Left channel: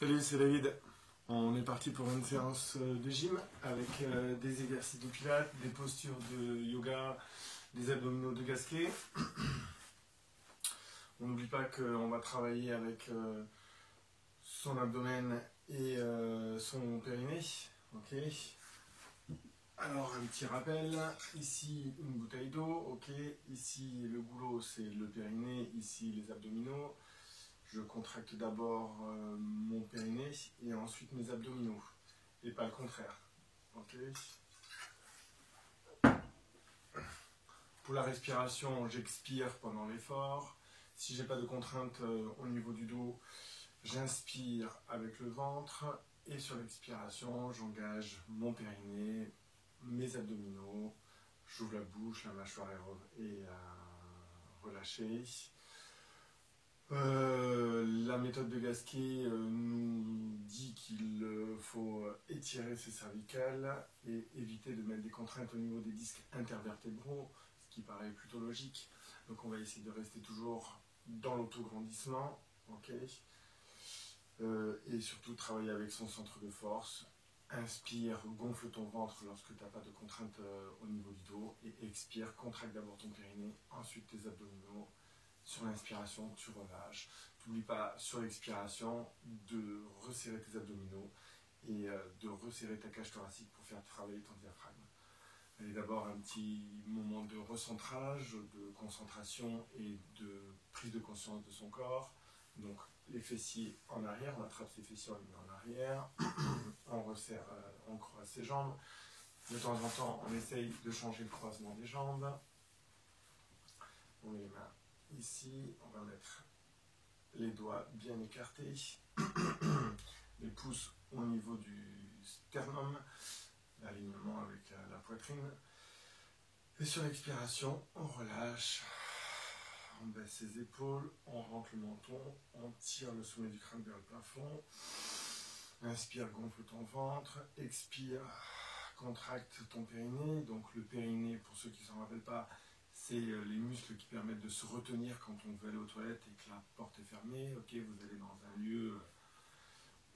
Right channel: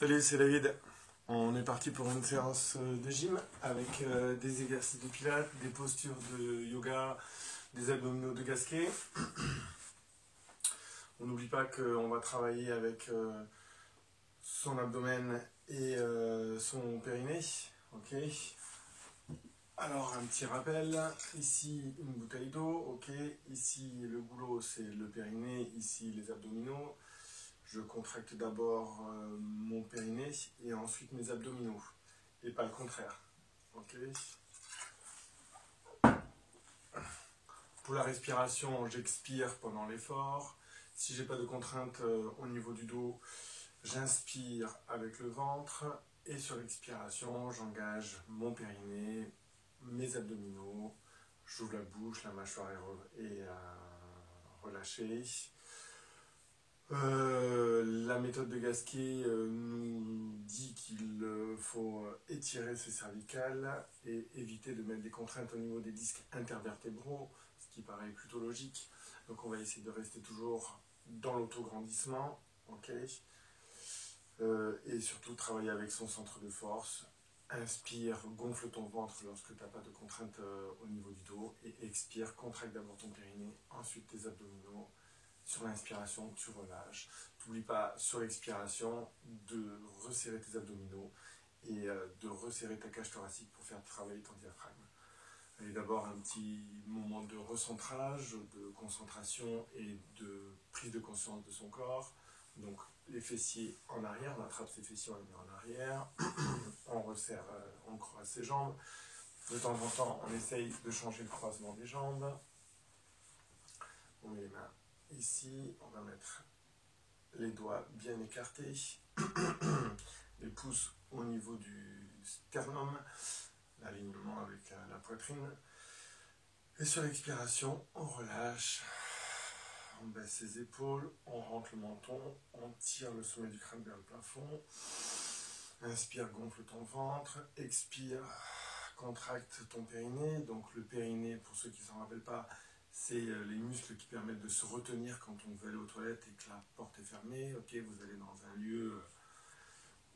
Salut, c'est David. On est parti pour une séance de gym avec des exercices de pilates, des postures de yoga, des abdominaux de Gasquet. On n'oublie pas qu'on va travailler avec son abdomen et son périnée. Ok. Alors un petit rappel, ici une bouteille d'eau, ok. Ici le goulot c'est le périnée, ici les abdominaux. Je contracte d'abord mon périnée et ensuite mes abdominaux, et pas le contraire. Ok. Pour la respiration, j'expire pendant l'effort. Si j'ai pas de contrainte au niveau du dos, j'inspire avec le ventre et sur l'expiration, j'engage mon périnée, mes abdominaux, j'ouvre la bouche, la mâchoire est relâchée. La méthode de Gasquet nous dit qu'il faut étirer ses cervicales et éviter de mettre des contraintes au niveau des disques intervertébraux, ce qui paraît plutôt logique. Donc on va essayer de rester toujours dans l'autograndissement, ok, et surtout travailler avec son centre de force. Inspire, gonfle ton ventre lorsque tu n'as pas de contrainte au niveau du dos, et expire, contracte d'abord ton périnée, ensuite tes abdominaux. Sur l'inspiration, tu relâches. N'oublie pas, sur l'expiration, de resserrer tes abdominaux et de resserrer ta cage thoracique pour faire travailler ton diaphragme. Et d'abord, un petit moment de recentrage, de concentration et de prise de conscience de son corps. Donc, les fessiers en arrière, on attrape ses fessiers, on les met en arrière. On resserre, on croise ses jambes. De temps en temps, on essaye de changer le croisement des jambes. On met les mains ici, on va mettre les doigts bien écartés, les pouces au niveau du sternum, l'alignement avec la poitrine. Et sur l'expiration, on relâche, on baisse ses épaules, on rentre le menton, on tire le sommet du crâne vers le plafond. Inspire, gonfle ton ventre, expire, contracte ton périnée. Donc le périnée, pour ceux qui ne s'en rappellent pas, c'est les muscles qui permettent de se retenir quand on veut aller aux toilettes et que la porte est fermée. Ok, vous allez dans un lieu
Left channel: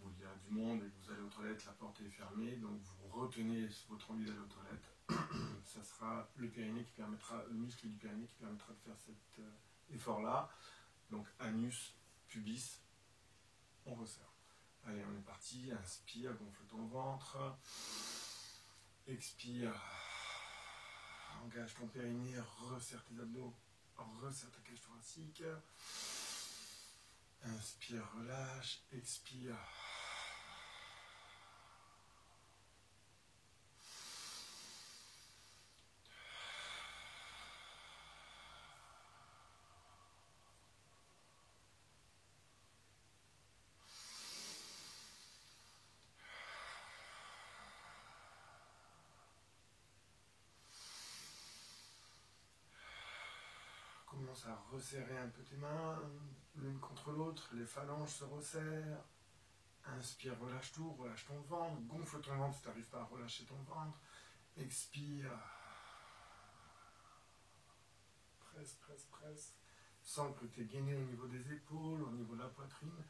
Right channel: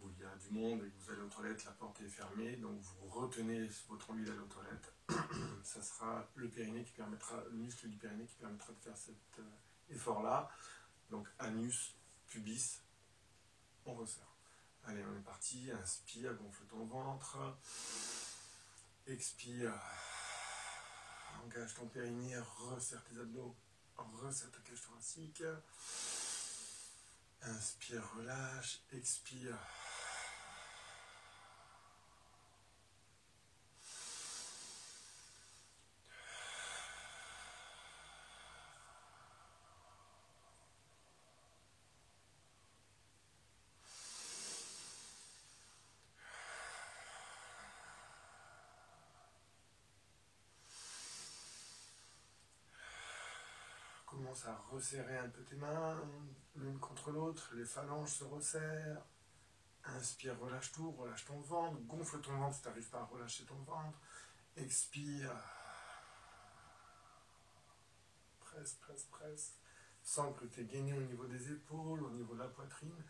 où il y a du monde et que vous allez aux toilettes, la porte est fermée, donc vous retenez votre envie d'aller aux toilettes. Ça sera le périnée qui permettra, le muscle du périnée qui permettra de faire cet effort-là. Donc anus, pubis, on resserre. Allez, on est parti. Inspire, gonfle ton ventre. Expire. Engage ton périnée, resserre tes abdos, resserre ta cage thoracique. Inspire, relâche, expire. Commence à resserrer un peu tes mains, l'une contre l'autre, les phalanges se resserrent. Inspire, relâche tout, relâche ton ventre, gonfle ton ventre si tu n'arrives pas à relâcher ton ventre. Expire. Presse, presse, presse. Sens que tu es gainé au niveau des épaules, au niveau de la poitrine.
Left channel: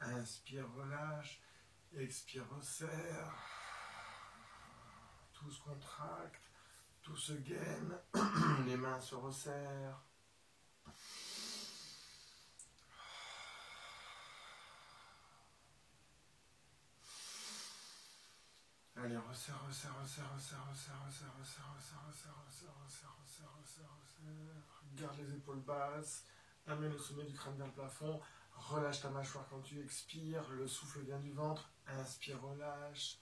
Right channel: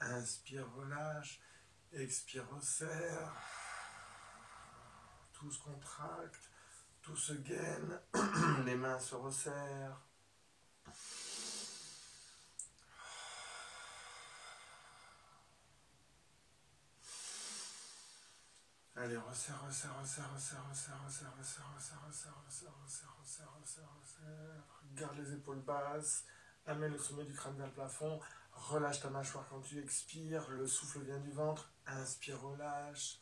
Inspire, relâche. Expire, resserre. Tout se contracte, tout se gaine. Les mains se resserrent. Allez, resserre, resserre, resserre, resserre, resserre, resserre, resserre, resserre, resserre, resserre, resserre, resserre, resserre, resserre. Garde les épaules basses, amène le sommet du crâne vers le plafond, relâche ta mâchoire quand tu expires, le souffle vient du ventre, inspire, relâche.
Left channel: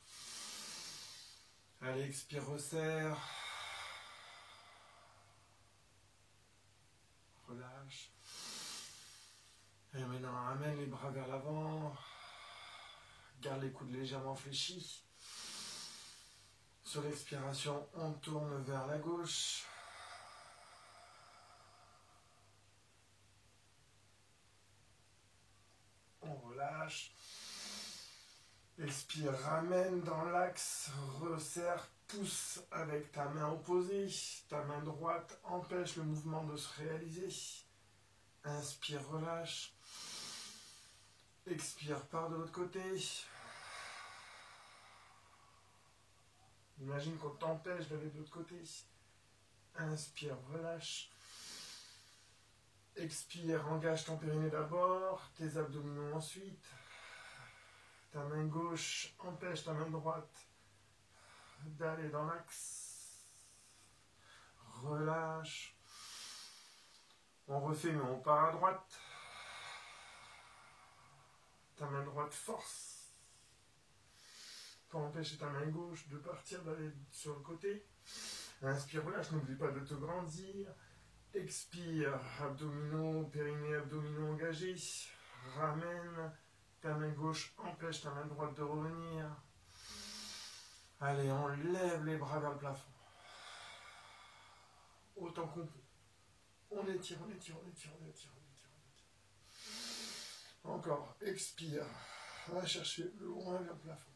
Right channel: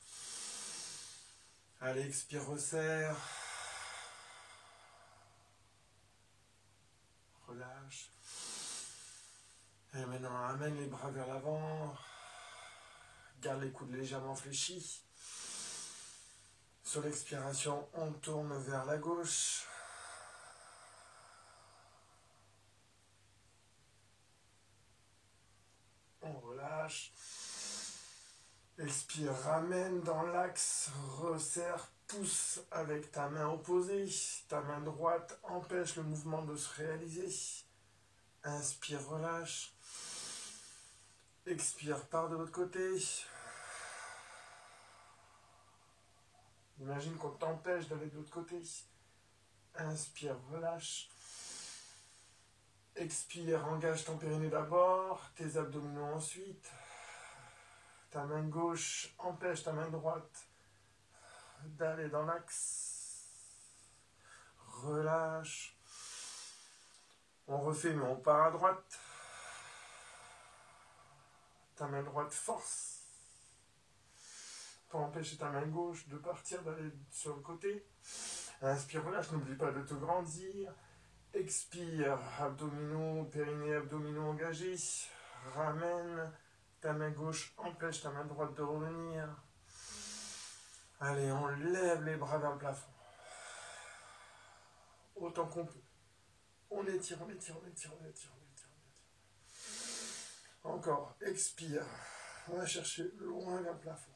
Allez, expire, resserre. Relâche. Et maintenant, amène les bras vers l'avant, garde les coudes légèrement fléchis. Sur l'expiration, on tourne vers la gauche. On relâche. Expire, ramène dans l'axe, resserre, pousse avec ta main opposée. Ta main droite empêche le mouvement de se réaliser. Inspire, relâche. Expire, pars de l'autre côté. Imagine qu'on t'empêche d'aller de l'autre côté. Inspire, relâche. Expire, engage ton périnée d'abord, tes abdominaux ensuite. Ta main gauche empêche ta main droite d'aller dans l'axe. Relâche. On refait, mais on part à droite. Ta main droite force pour empêcher ta main gauche de partir, d'aller sur le côté. Inspire, relâche, n'oublie pas de te grandir. Expire, abdominaux, périnée, abdominaux engagés. Ramène ta main gauche, empêche ta main droite de revenir. Allez, on lève les bras vers le plafond. Autant qu'on peut. On étire, on étire, on étire, on étire, on étire, on étire. Encore, expire. On va chercher loin vers le plafond.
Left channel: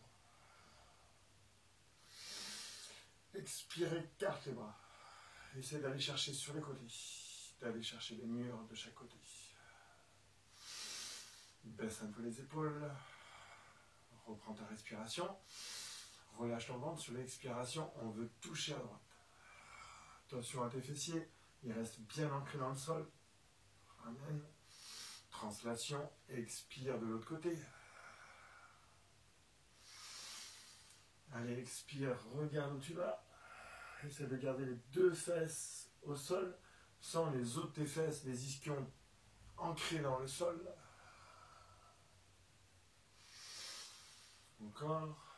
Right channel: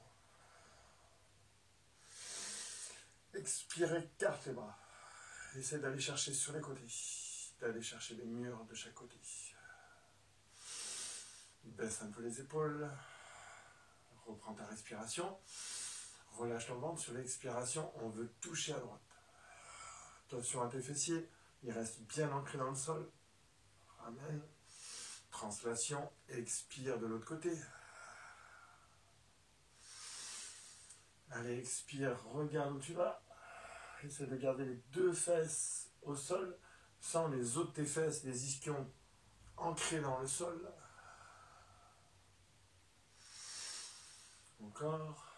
Expire, écarte les bras. Essaye d'aller chercher sur les côtés, d'aller chercher les murs de chaque côté. Baisse un peu les épaules. Reprends ta respiration. Relâche ton ventre. Sur l'expiration, on veut toucher à droite. Attention à tes fessiers. Ils restent bien ancrés dans le sol. Ramène. Translation. Expire de l'autre côté. Allez, expire. Regarde où tu vas. Essaie de garder les deux fesses au sol, sans les os de tes fesses, les ischions ancrés dans le sol. Encore.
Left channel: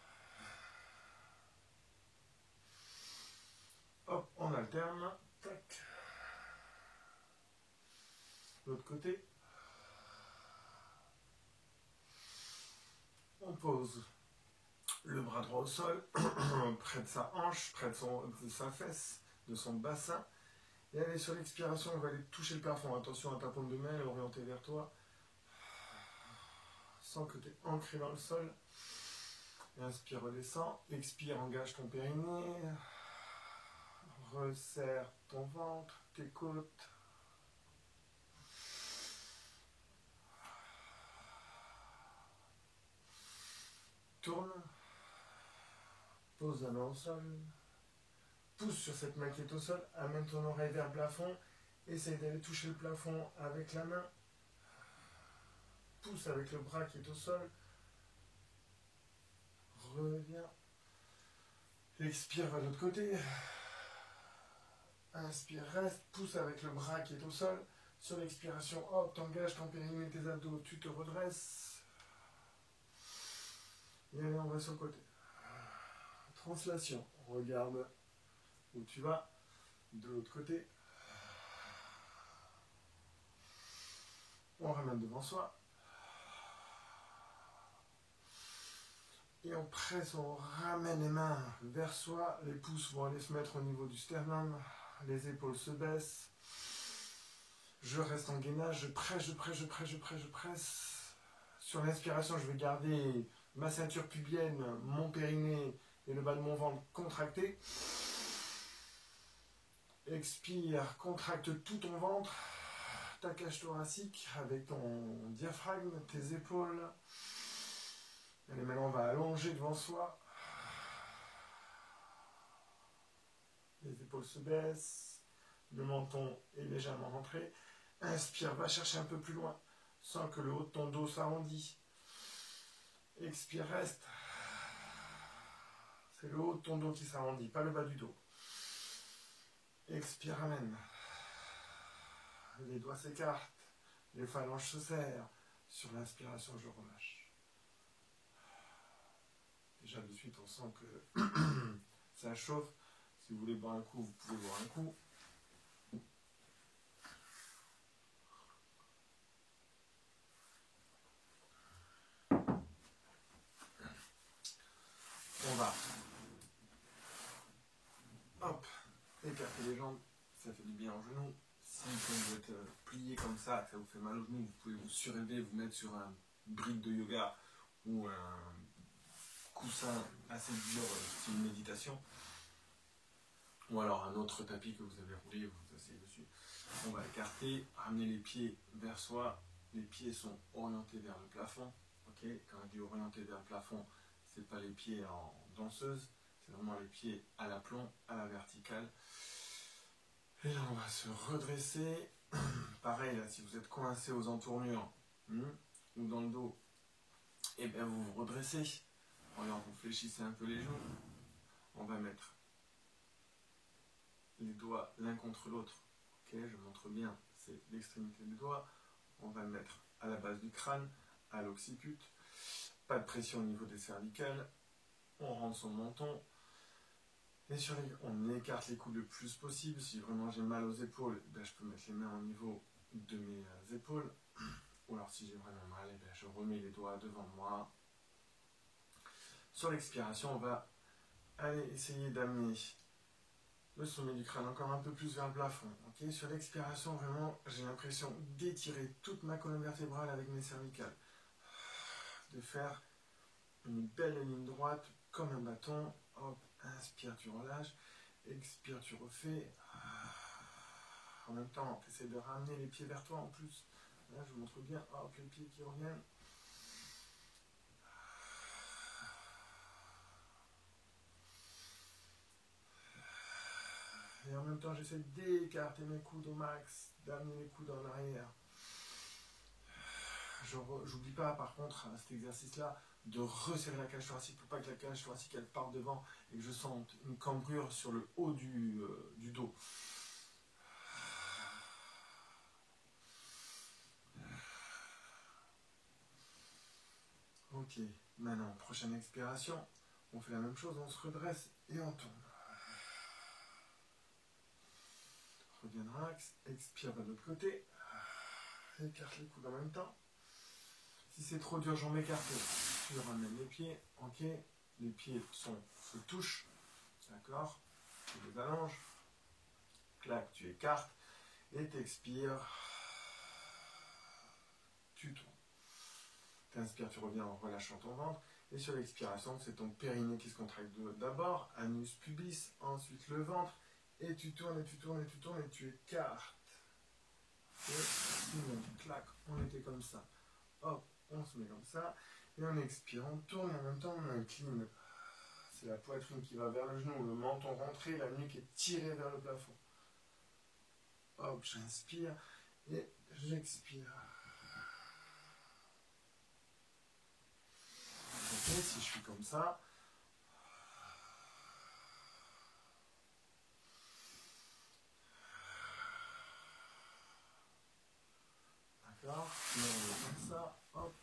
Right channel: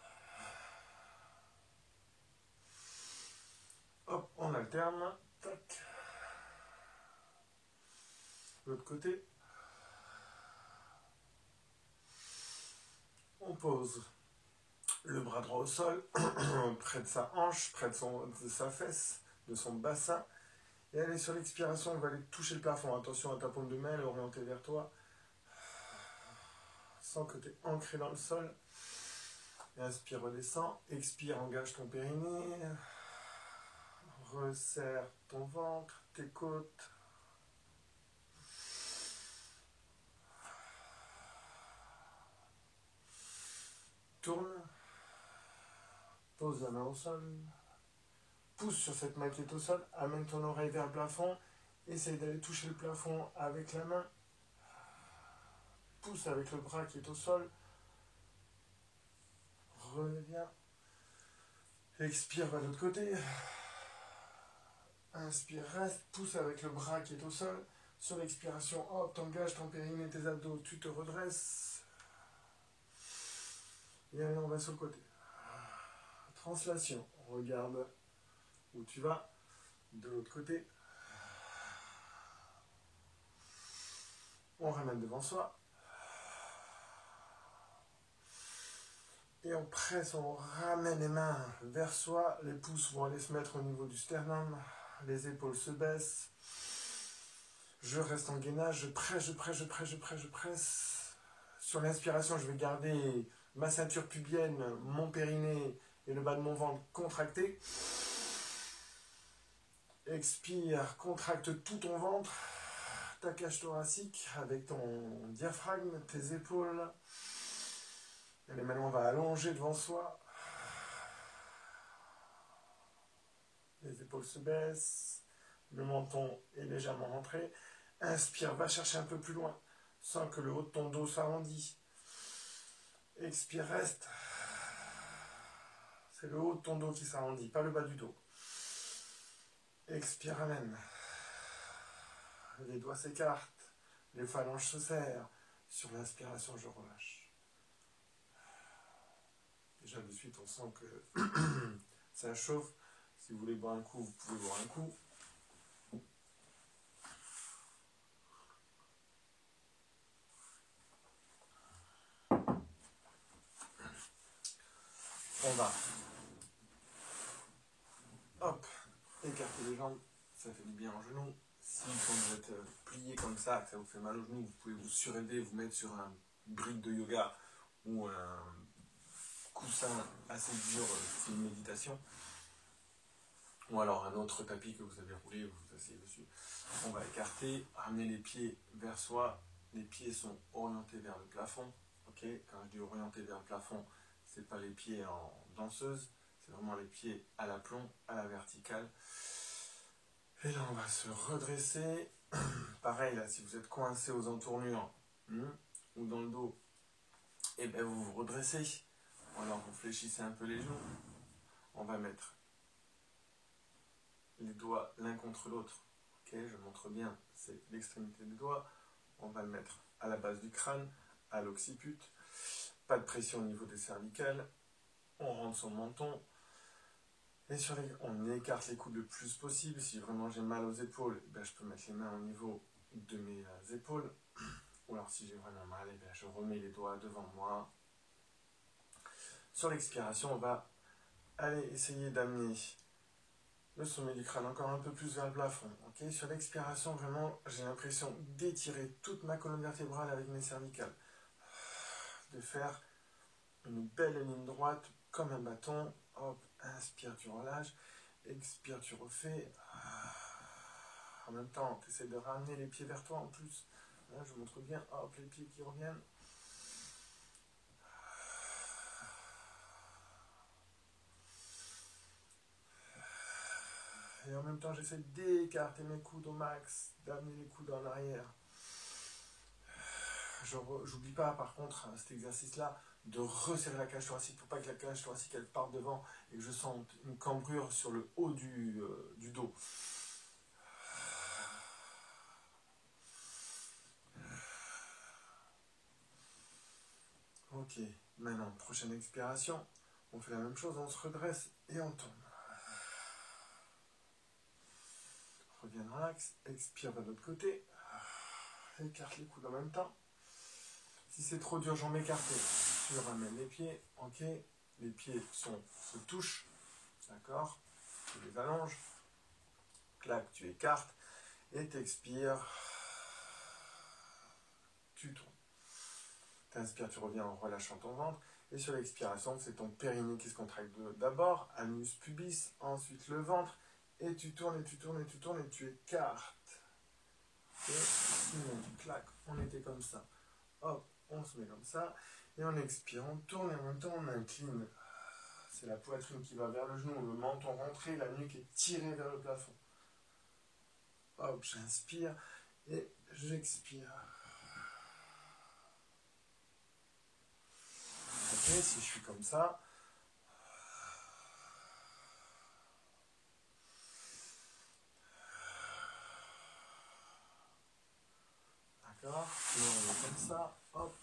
Hop, on alterne. Tac. L'autre côté. On pose le bras droit au sol, près de sa hanche, près de sa fesse, de son bassin. Et allez, sur l'expiration, on va aller toucher le plafond. Attention à ta paume de main, elle est orientée vers toi. Sens que tu es ancré dans le sol. Et inspire, redescends. Expire, engage ton périnée. Resserre ton ventre, tes côtes. Tourne. Pose la main au sol. Pousse sur cette main qui est au sol. Amène ton oreille vers le plafond. Essaye d'aller toucher le plafond avec la main. Pousse avec le bras qui est au sol. Reviens. Expire, va de l'autre côté. Inspire, reste. Pousse avec le bras qui est au sol. Sur l'expiration, hop, t'engages ton périnée, tes abdos. Tu te redresses. Et allez, on va sur le côté. Translation. Regarde où tu vas. De l'autre côté. On ramène devant soi. Et on presse, on ramène les mains vers soi. Les pouces vont aller se mettre au niveau du sternum. Les épaules se baissent. Je reste en gainage. Je presse, je presse, je presse, je presse, je presse. Sur l'inspiration, je vais garder ma ceinture pubienne, mon périnée et le bas de mon ventre contracté. Expire, contracte tout ton ventre, ta cage thoracique avec ton diaphragme, tes épaules. Allez, maintenant on va allonger devant soi. Les épaules se baissent, le menton est légèrement rentré. Inspire, va chercher un peu plus loin, sans que le haut de ton dos s'arrondisse. Expire, reste. C'est le haut de ton dos qui s'arrondit, pas le bas du dos. Expire, ramène. Les doigts s'écartent, les phalanges se serrent. Sur l'inspiration, je relâche. Déjà de suite, on sent que ça chauffe. Si vous voulez boire un coup, vous pouvez boire un coup. On va, hop, écarter les jambes, ça fait du bien aux genoux. Si quand vous êtes plié comme ça, que ça vous fait mal aux genoux, vous pouvez vous surélever, vous mettre sur un brique de yoga ou un coussin assez dur, style méditation. Ou alors un autre tapis que vous avez roulé, vous vous asseyez dessus. On va écarter, ramener les pieds vers soi, les pieds sont orientés vers le plafond. Okay, quand je dis orientés vers le plafond, ce n'est pas les pieds en danseuse, c'est vraiment les pieds à l'aplomb, à la verticale. Et là, on va se redresser. Pareil, là, si vous êtes coincé aux entournures ou dans le dos, et bien vous vous redressez. Alors vous fléchissez un peu les genoux. On va mettre les doigts l'un contre l'autre. Ok, je montre bien, c'est l'extrémité des doigts. On va le mettre à la base du crâne, à l'occiput. Pas de pression au niveau des cervicales. On rentre son menton. Et on écarte les coudes le plus possible. Si vraiment j'ai mal aux épaules, ben, je peux mettre les mains au niveau de mes épaules. Ou alors si j'ai vraiment mal, ben, je remets les doigts devant moi. Sur l'expiration, on va aller essayer d'amener le sommet du crâne encore un peu plus vers le plafond. Okay, sur l'expiration, vraiment, j'ai l'impression d'étirer toute ma colonne vertébrale avec mes cervicales. De faire une belle ligne droite comme un bâton. Hop, inspire, tu relâches. Expire, tu refais. En même temps, tu essaies de ramener les pieds vers toi en plus. Là, je montre bien. Hop, les pieds qui reviennent. Et en même temps, j'essaie d'écarter mes coudes au max, d'amener les coudes en arrière. J'oublie pas, par contre, cet exercice-là, de resserrer la cage thoracique pour pas que la cage thoracique elle parte devant et que je sente une cambrure sur le haut du dos. Ok, maintenant, prochaine expiration, on fait la même chose, on se redresse et on tourne. Reviens dans l'axe, expire de l'autre côté, écarte les coudes en même temps. Si c'est trop dur, j'en m'écarte. Je ramène les pieds, ok. Les pieds se touchent, d'accord. Tu les allonges, clac, tu écartes et t'expires. Tu tournes. T'inspires, tu reviens en relâchant ton ventre. Et sur l'expiration, c'est ton périnée qui se contracte d'abord, anus pubis, ensuite le ventre. Et tu tournes, et tu tournes, et tu tournes, et tu écartes. Et clac, on était comme ça. Hop, on se met comme ça. Et on expire, on tourne et en même temps on incline. C'est la poitrine qui va vers le genou, le menton rentré, la nuque est tirée vers le plafond. Hop, j'inspire et j'expire. Ok, si je suis comme ça. D'accord, on est comme ça. Hop.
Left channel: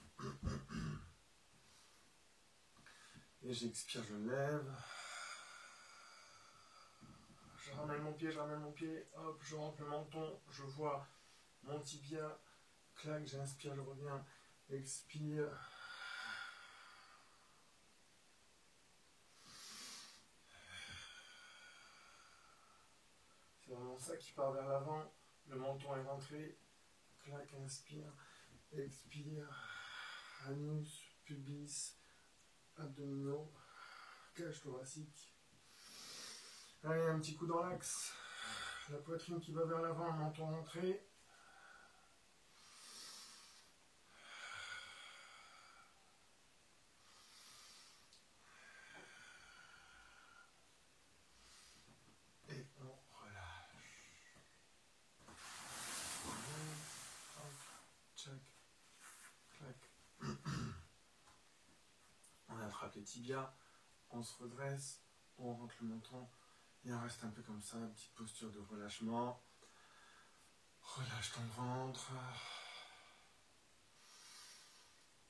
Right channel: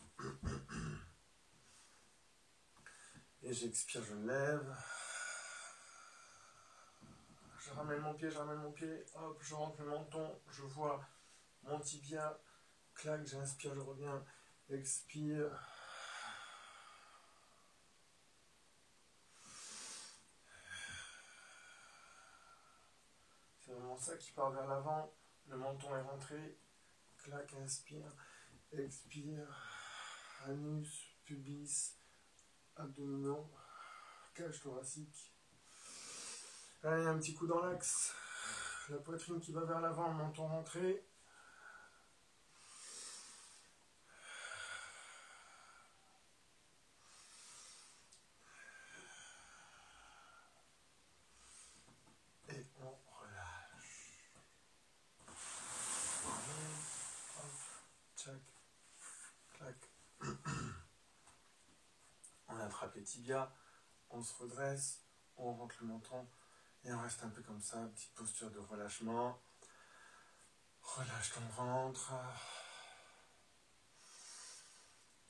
Et j'expire, je lève. Je ramène mon pied, hop, je rentre le menton, je vois mon tibia, clac, j'inspire, je reviens, expire. C'est vraiment ça qui part vers l'avant, le menton est rentré, clac, inspire, expire, anus, pubis, abdominaux, cage thoracique. Allez, un petit coup dans l'axe. La poitrine qui va vers l'avant, le menton rentré. Et on relâche. Hop, tchac, clac. On attrape les tibias, on se redresse, on rentre le menton. Et on reste un peu comme ça, petite posture de relâchement. Relâche ton ventre.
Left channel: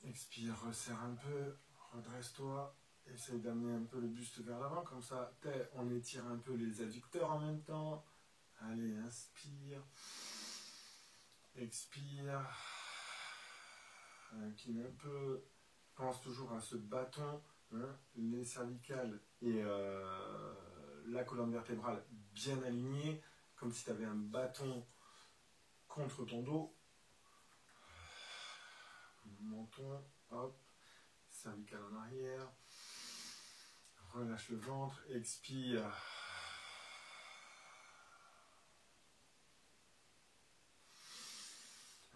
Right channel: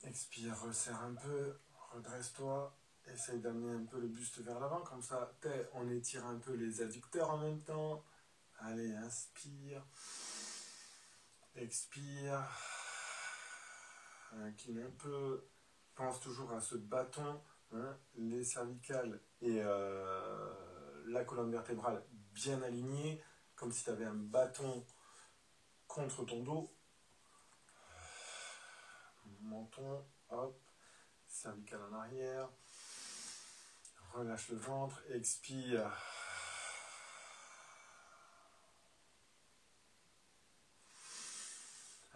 Expire, resserre un peu, redresse-toi. Essaye d'amener un peu le buste vers l'avant, comme ça, on étire un peu les adducteurs en même temps. Allez, inspire. Expire. Incline un peu. Pense toujours à ce bâton, hein, les cervicales et la colonne vertébrale bien alignée, comme si tu avais un bâton contre ton dos. Menton, hop, cervical en arrière. Relâche le ventre, expire.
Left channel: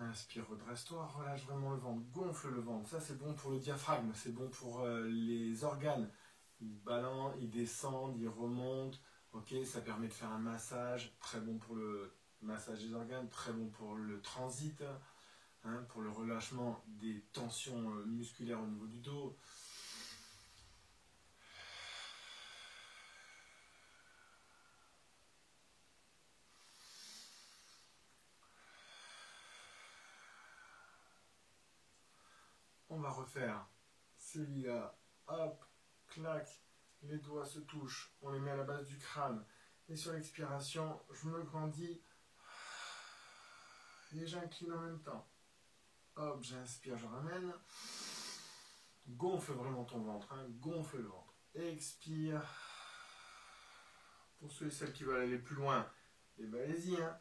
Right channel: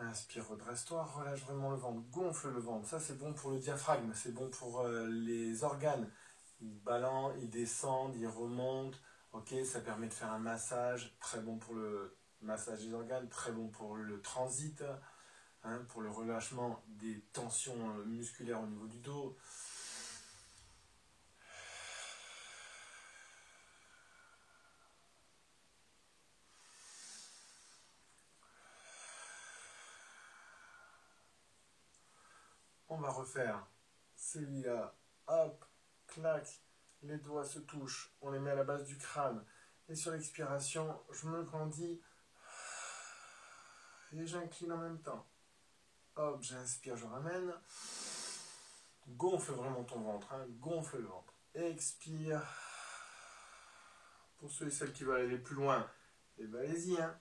Inspire, redresse-toi, relâche vraiment le ventre, gonfle le ventre. Ça, c'est bon pour le diaphragme, c'est bon pour les organes. Ils balancent, ils descendent, ils remontent. Ok, ça permet de faire un massage, très bon pour le massage des organes, très bon pour le transit, hein, pour le relâchement des tensions musculaires au niveau du dos. On va refaire celui-là. Hop, clac, les doigts se touchent, on les met à la base du crâne. Et sur l'expiration, je me grandis et j'incline en même temps. Hop, j'inspire, je ramène. Gonfle vraiment ton ventre, hein, gonfle le ventre. Expire. Pour ceux et celles qui veulent aller plus loin, et ben allez-y, hein.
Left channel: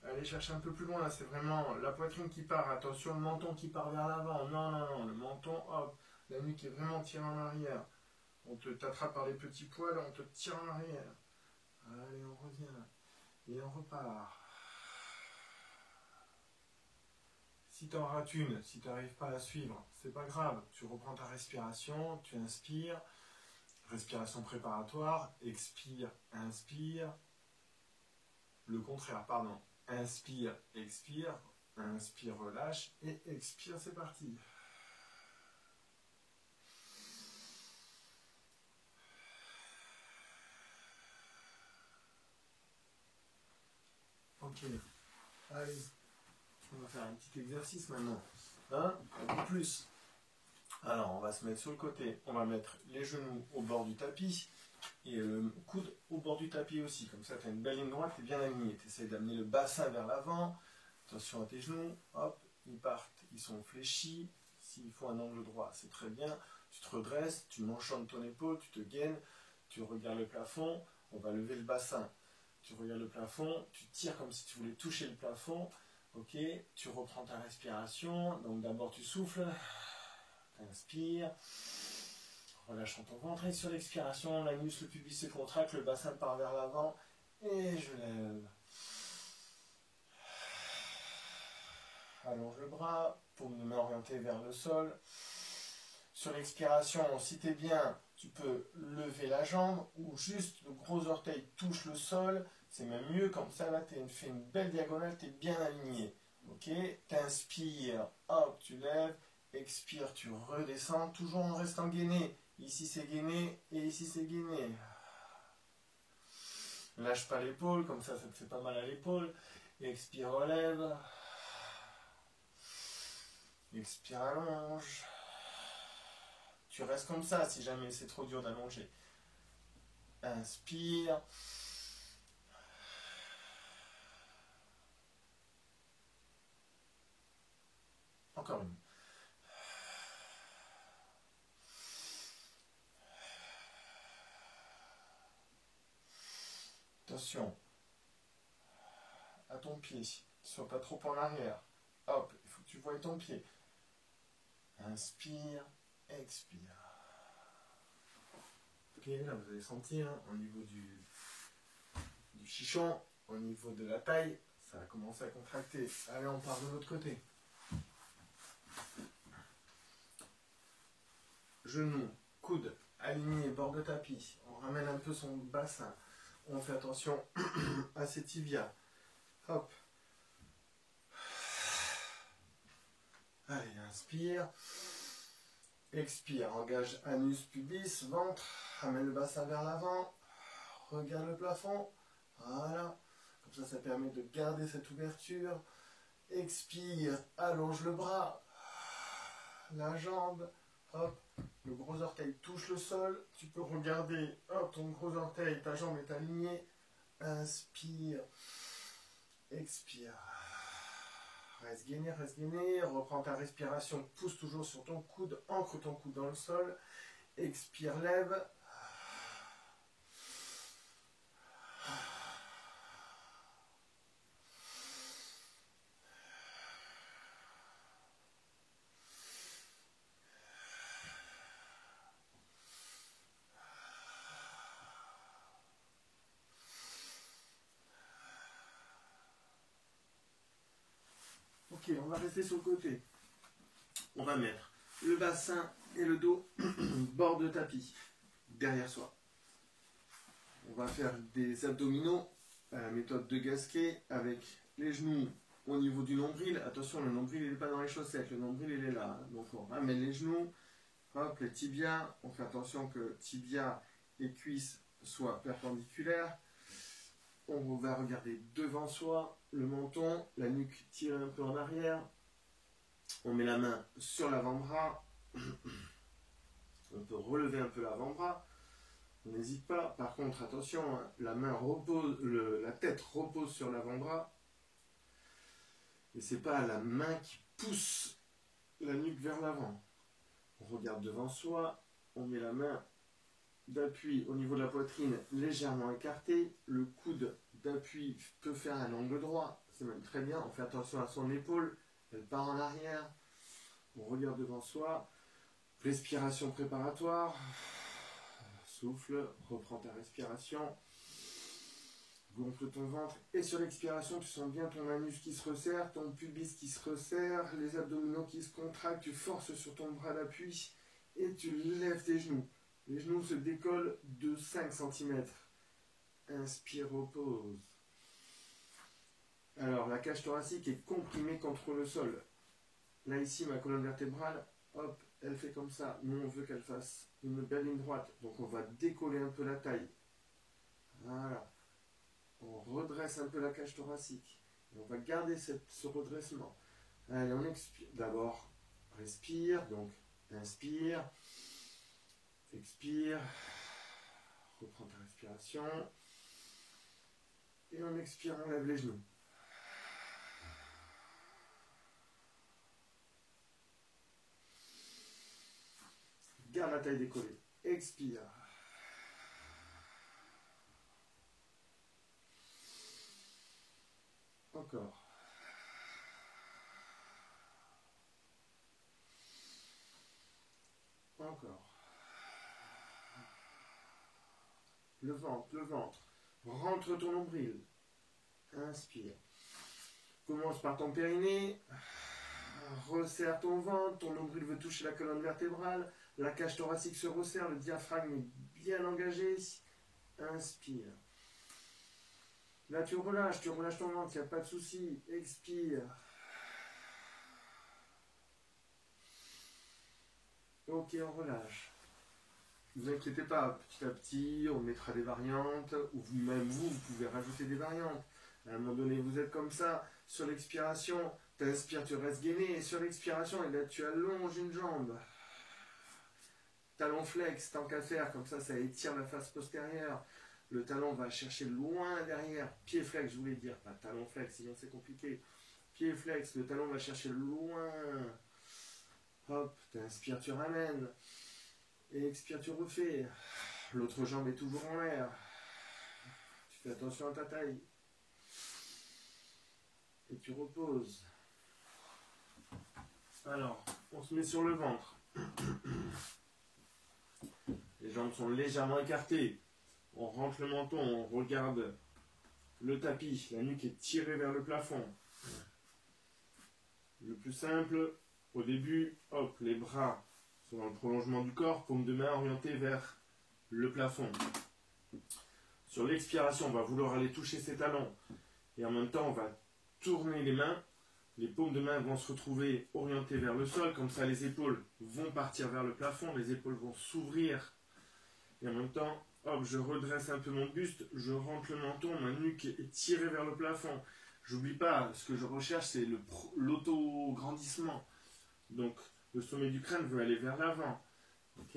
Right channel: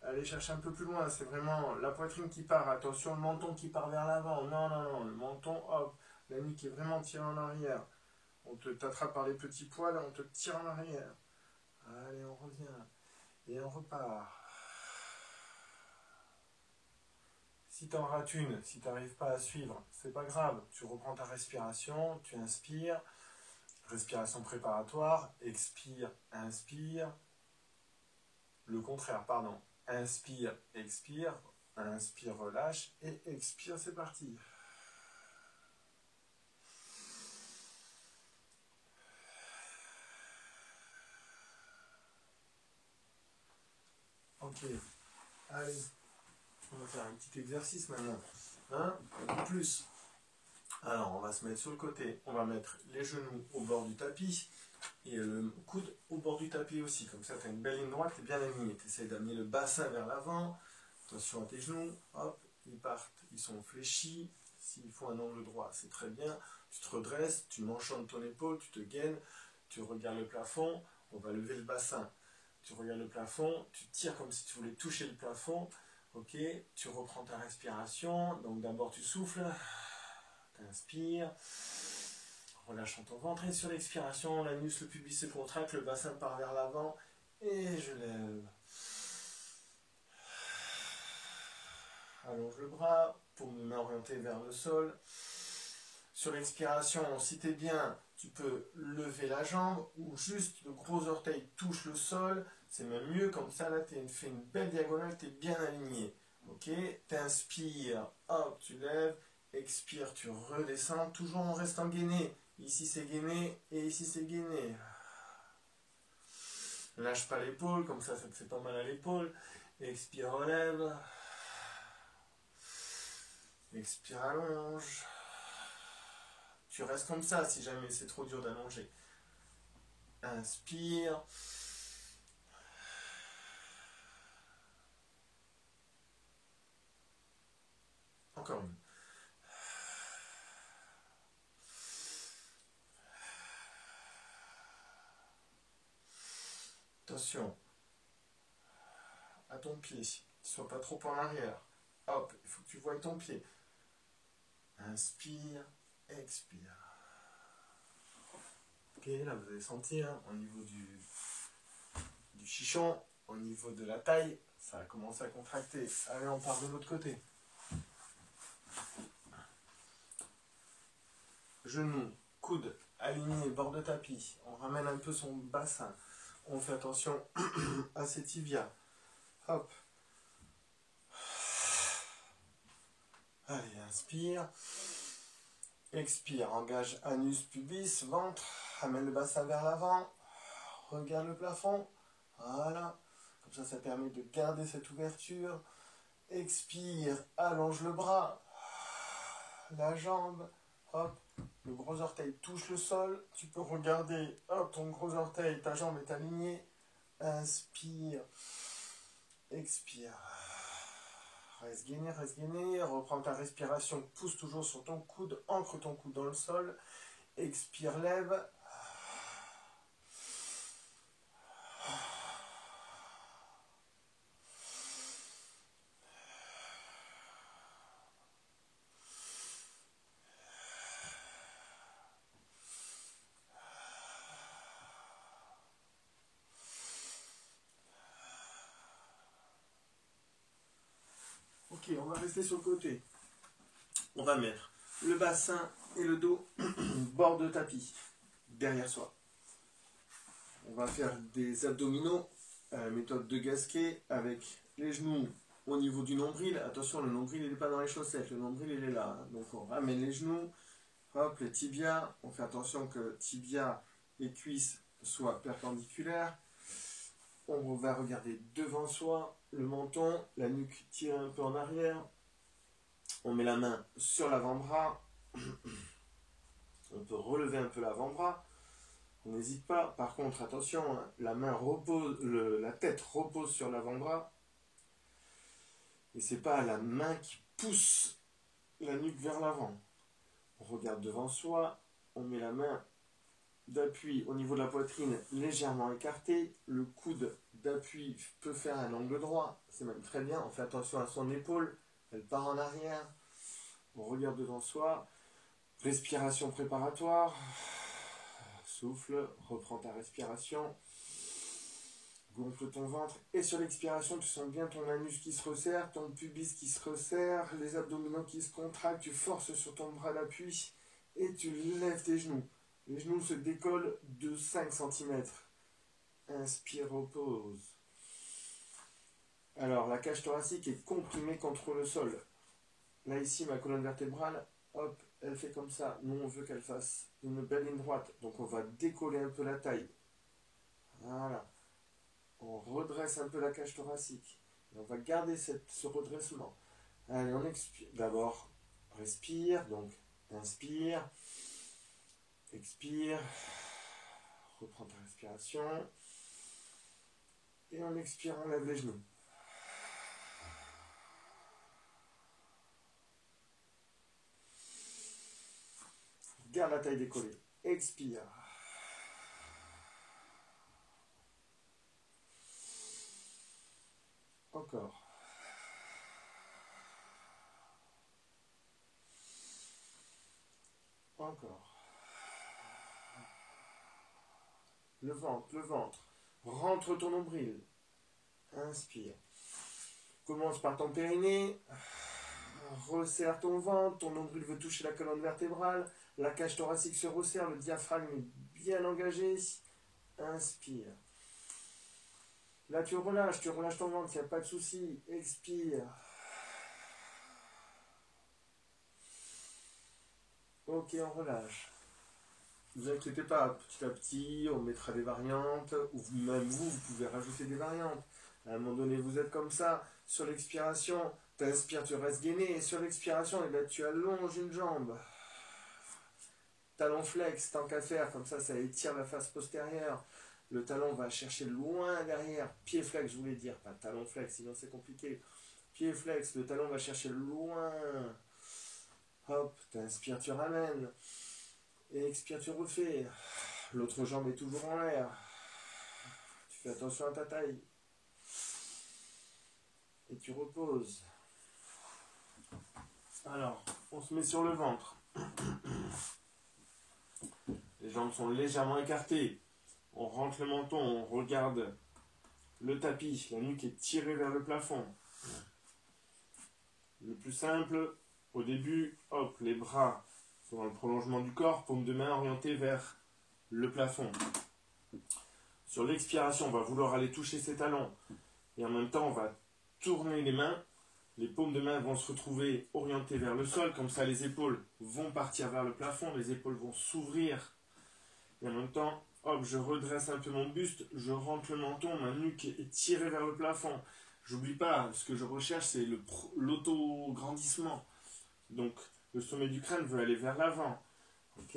Allez chercher un peu plus loin, c'est vraiment la poitrine qui part, attention le menton qui part vers l'avant, non, non, non, le menton, hop, la nuque est vraiment tirée en arrière. On te t'attrape par les petits poils et on te tire en arrière. Allez, on revient. Et on repart. Si tu en rates une, si tu n'arrives pas à suivre, c'est pas grave. Tu reprends ta respiration, tu inspires. Respiration préparatoire. Expire, inspire. Le contraire, pardon. Inspire, expire. Inspire, relâche. Et expire, c'est parti. Ok. Allez. On va faire un petit exercice maintenant. Un peu plus. Alors, on va se mettre sur le côté. On va mettre les genoux au bord du tapis. Et le coude au bord du tapis aussi. Comme ça, tu as une belle ligne droite et bien alignée. Tu essaies d'amener le bassin vers l'avant. Attention à tes genoux. Hop, ils partent. Ils sont fléchis. S'il faut un angle droit, c'est très bien. Tu te redresses, tu m'enchantes ton épaule, tu te gaines. Tu regardes le plafond. On va lever le bassin. Tu regardes le plafond. Tu tires comme si tu voulais toucher le plafond. Ok, tu reprends ta respiration. Donc d'abord tu souffles. Tu inspires. Relâchons ton ventre et sur l'expiration, l'anus, le pubis se contracte, le bassin part vers l'avant et je lève. Allonge le bras pour m'orienter vers le sol. Sur l'expiration, si tu es bien, tu peux lever la jambe ou juste le gros orteil touche le sol. C'est même mieux, comme ça là tu fais une belle diagonale, tu es bien aligné. Ok, t'inspires, hop, tu lèves, expire, tu redescends, toujours en restant gainé. Ici c'est gainé et ici c'est gainé. Lâche pas l'épaule, comme ça te fait pas mal à l'épaule. Expire, relève. Expire, allonge. Tu restes comme ça si jamais c'est trop dur d'allonger. Inspire. Encore une. Attention à ton pied, sois pas trop en arrière. Hop, il faut que tu voies ton pied. Inspire, expire. Ok, là vous avez senti hein, au niveau du chichon, au niveau de la taille, ça a commencé à contracter. Allez, on part de l'autre côté. Genoux, coude, aligné, bord de tapis. On ramène un peu son bassin. On fait attention à ses tibias. Hop. Allez, inspire. Expire, engage anus, pubis, ventre. Ramène le bassin vers l'avant. Regarde le plafond. Voilà. Comme ça, ça permet de garder cette ouverture. Expire, allonge le bras. La jambe. Hop. Le gros orteil touche le sol. Tu peux regarder, hop, ton gros orteil, ta jambe est alignée. Inspire. Expire. Reste gainé. Reprends ta respiration. Pousse toujours sur ton coude. Ancre ton coude dans le sol. Expire, lève. Ok, Ok, on va rester sur le côté. On va mettre le bassin et le dos bord de tapis, derrière soi. On va faire des abdominaux à la méthode de Gasquet avec les genoux au niveau du nombril. Attention, le nombril il n'est pas dans les chaussettes, le nombril il est là. Donc on ramène les genoux, hop, les tibias. On fait attention que tibia et cuisses soient perpendiculaires. On va regarder devant soi, le menton, la nuque tirée un peu en arrière. On met la main sur l'avant-bras. On peut relever un peu l'avant-bras. On n'hésite pas. Par contre, attention, hein, la main repose, la tête repose sur l'avant-bras. Et c'est pas la main qui pousse la nuque vers l'avant. On regarde devant soi. On met la main d'appui au niveau de la poitrine légèrement écartée. Le coude d'appui peut faire un angle droit. C'est même très bien. On fait attention à son épaule. Elle part en arrière. On regarde devant soi. Respiration préparatoire. Souffle. Reprends ta respiration. Gonfle ton ventre. Et sur l'expiration, tu sens bien ton anus qui se resserre, ton pubis qui se resserre, les abdominaux qui se contractent. Tu forces sur ton bras d'appui et tu lèves tes genoux. Les genoux se décollent de 5 cm. Inspire, repose. Alors, la cage thoracique est comprimée contre le sol. Là, ici, ma colonne vertébrale, hop, elle fait comme ça. Nous, on veut qu'elle fasse une belle ligne droite. Donc, on va décoller un peu la taille. Voilà. On redresse un peu la cage thoracique. Et on va garder ce redressement. Allez, on expire. D'abord, respire. Donc, inspire. Expire. Reprends ta respiration. Et en expire, on lève les genoux. Garde la taille décollée. Expire. Encore. Encore. Le ventre, le ventre. Rentre ton nombril. Inspire. Commence par ton périnée. Resserre ton ventre. Ton nombril veut toucher la colonne vertébrale. La cage thoracique se resserre. Le diaphragme est bien engagé. Inspire. Là, tu relâches ton ventre. Il n'y a pas de souci. Expire. Ok, on relâche. Ne vous inquiétez pas, petit à petit, on mettra des variantes, ou même vous pouvez rajouter des variantes. À un moment donné, vous êtes comme ça, sur l'expiration, tu inspires, tu restes gainé, et sur l'expiration, et bien, tu allonges une jambe. Talon flex, tant qu'à faire, comme ça étire la face postérieure. Le talon va chercher loin derrière. Pied flex, je voulais dire, pas talon flex, sinon c'est compliqué. Pied flex, le talon va chercher loin. Hop, tu inspires, tu ramènes. Et expire, tu refais. L'autre jambe est toujours en l'air. Tu fais attention à ta taille. Et tu reposes. Alors, on se met sur le ventre. Les jambes sont légèrement écartées. On rentre le menton, on regarde le tapis. La nuque est tirée vers le plafond. Le plus simple, au début, hop, les bras sont dans le prolongement du corps, paume de main orientée vers le plafond. Sur l'expiration, on va vouloir aller toucher ses talons. Et en même temps, on va tourner les mains. Les paumes de main vont se retrouver orientées vers le sol. Comme ça, les épaules vont partir vers le plafond. Les épaules vont s'ouvrir. Et en même temps, hop, je redresse un peu mon buste. Je rentre le menton. Ma nuque est tirée vers le plafond. J'oublie pas, ce que je recherche, c'est l'auto-grandissement. Donc, le sommet du crâne veut aller vers l'avant. Ok.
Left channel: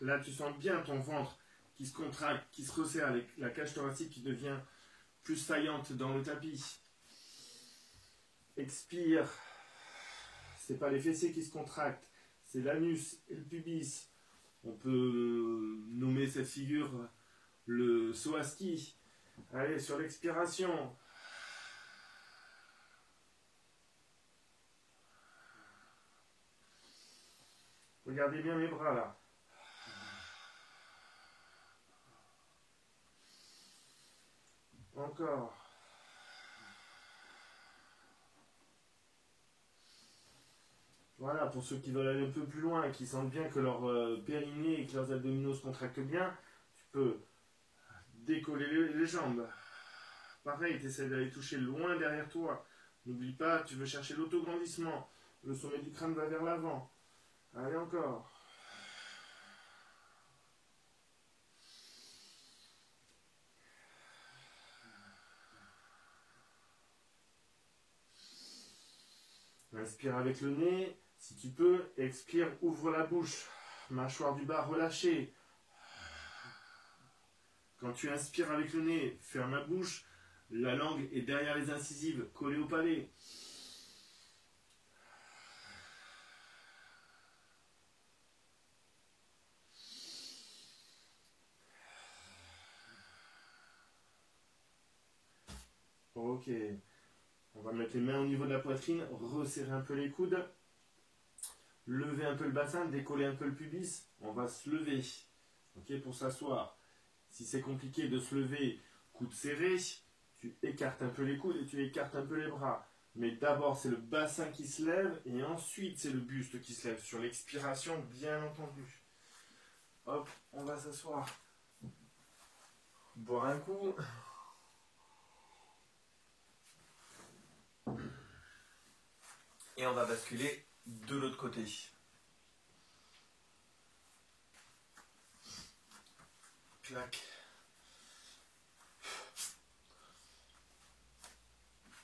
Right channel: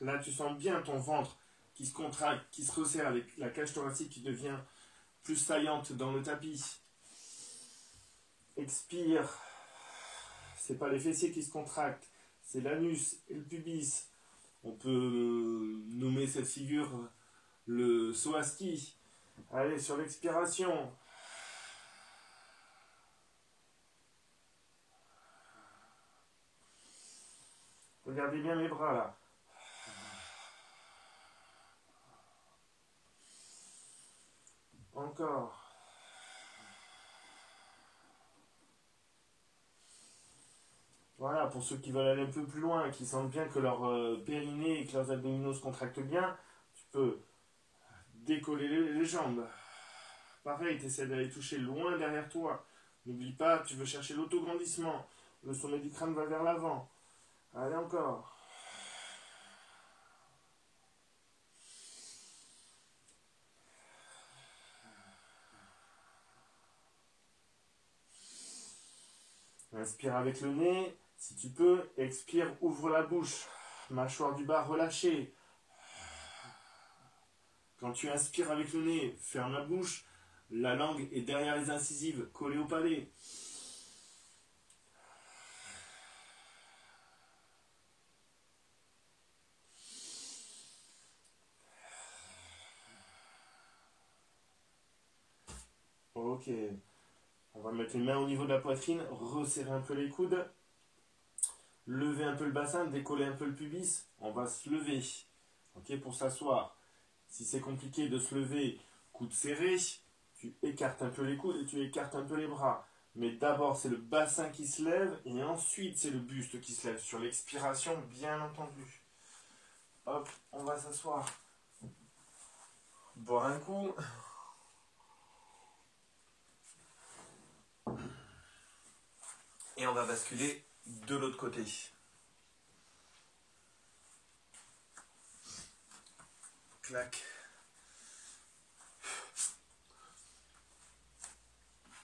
Là, tu sens bien ton ventre qui se contracte, qui se resserre, avec la cage thoracique qui devient plus saillante dans le tapis. Expire. C'est pas les fessiers qui se contractent, c'est l'anus et le pubis. On peut nommer cette figure le saut à ski. Allez, sur l'expiration. Regardez bien mes bras là. Encore. Voilà, pour ceux qui veulent aller un peu plus loin, qui sentent bien que leur périnée et que leurs abdominaux se contractent bien, tu peux décoller les jambes. Pareil, tu essaies d'aller toucher loin derrière toi. N'oublie pas, tu veux chercher l'autograndissement. Le sommet du crâne va vers l'avant. Allez encore. Inspire avec le nez. Si tu peux, expire, ouvre la bouche. Mâchoire du bas relâchée. Quand tu inspires avec le nez, ferme la bouche. La langue est derrière les incisives, collée au palais. Ok. On va mettre les mains au niveau de la poitrine, resserrer un peu les coudes. Lever un peu le bassin, décoller un peu le pubis. On va se lever. Ok, pour s'asseoir. Si c'est compliqué de se lever, coude serré, tu écartes un peu les coudes et tu écartes un peu les bras. Mais d'abord, c'est le bassin qui se lève et ensuite, c'est le buste qui se lève. Sur l'expiration, bien entendu. Hop, on va s'asseoir. Boire un coup. Et on va basculer de l'autre côté. Clac.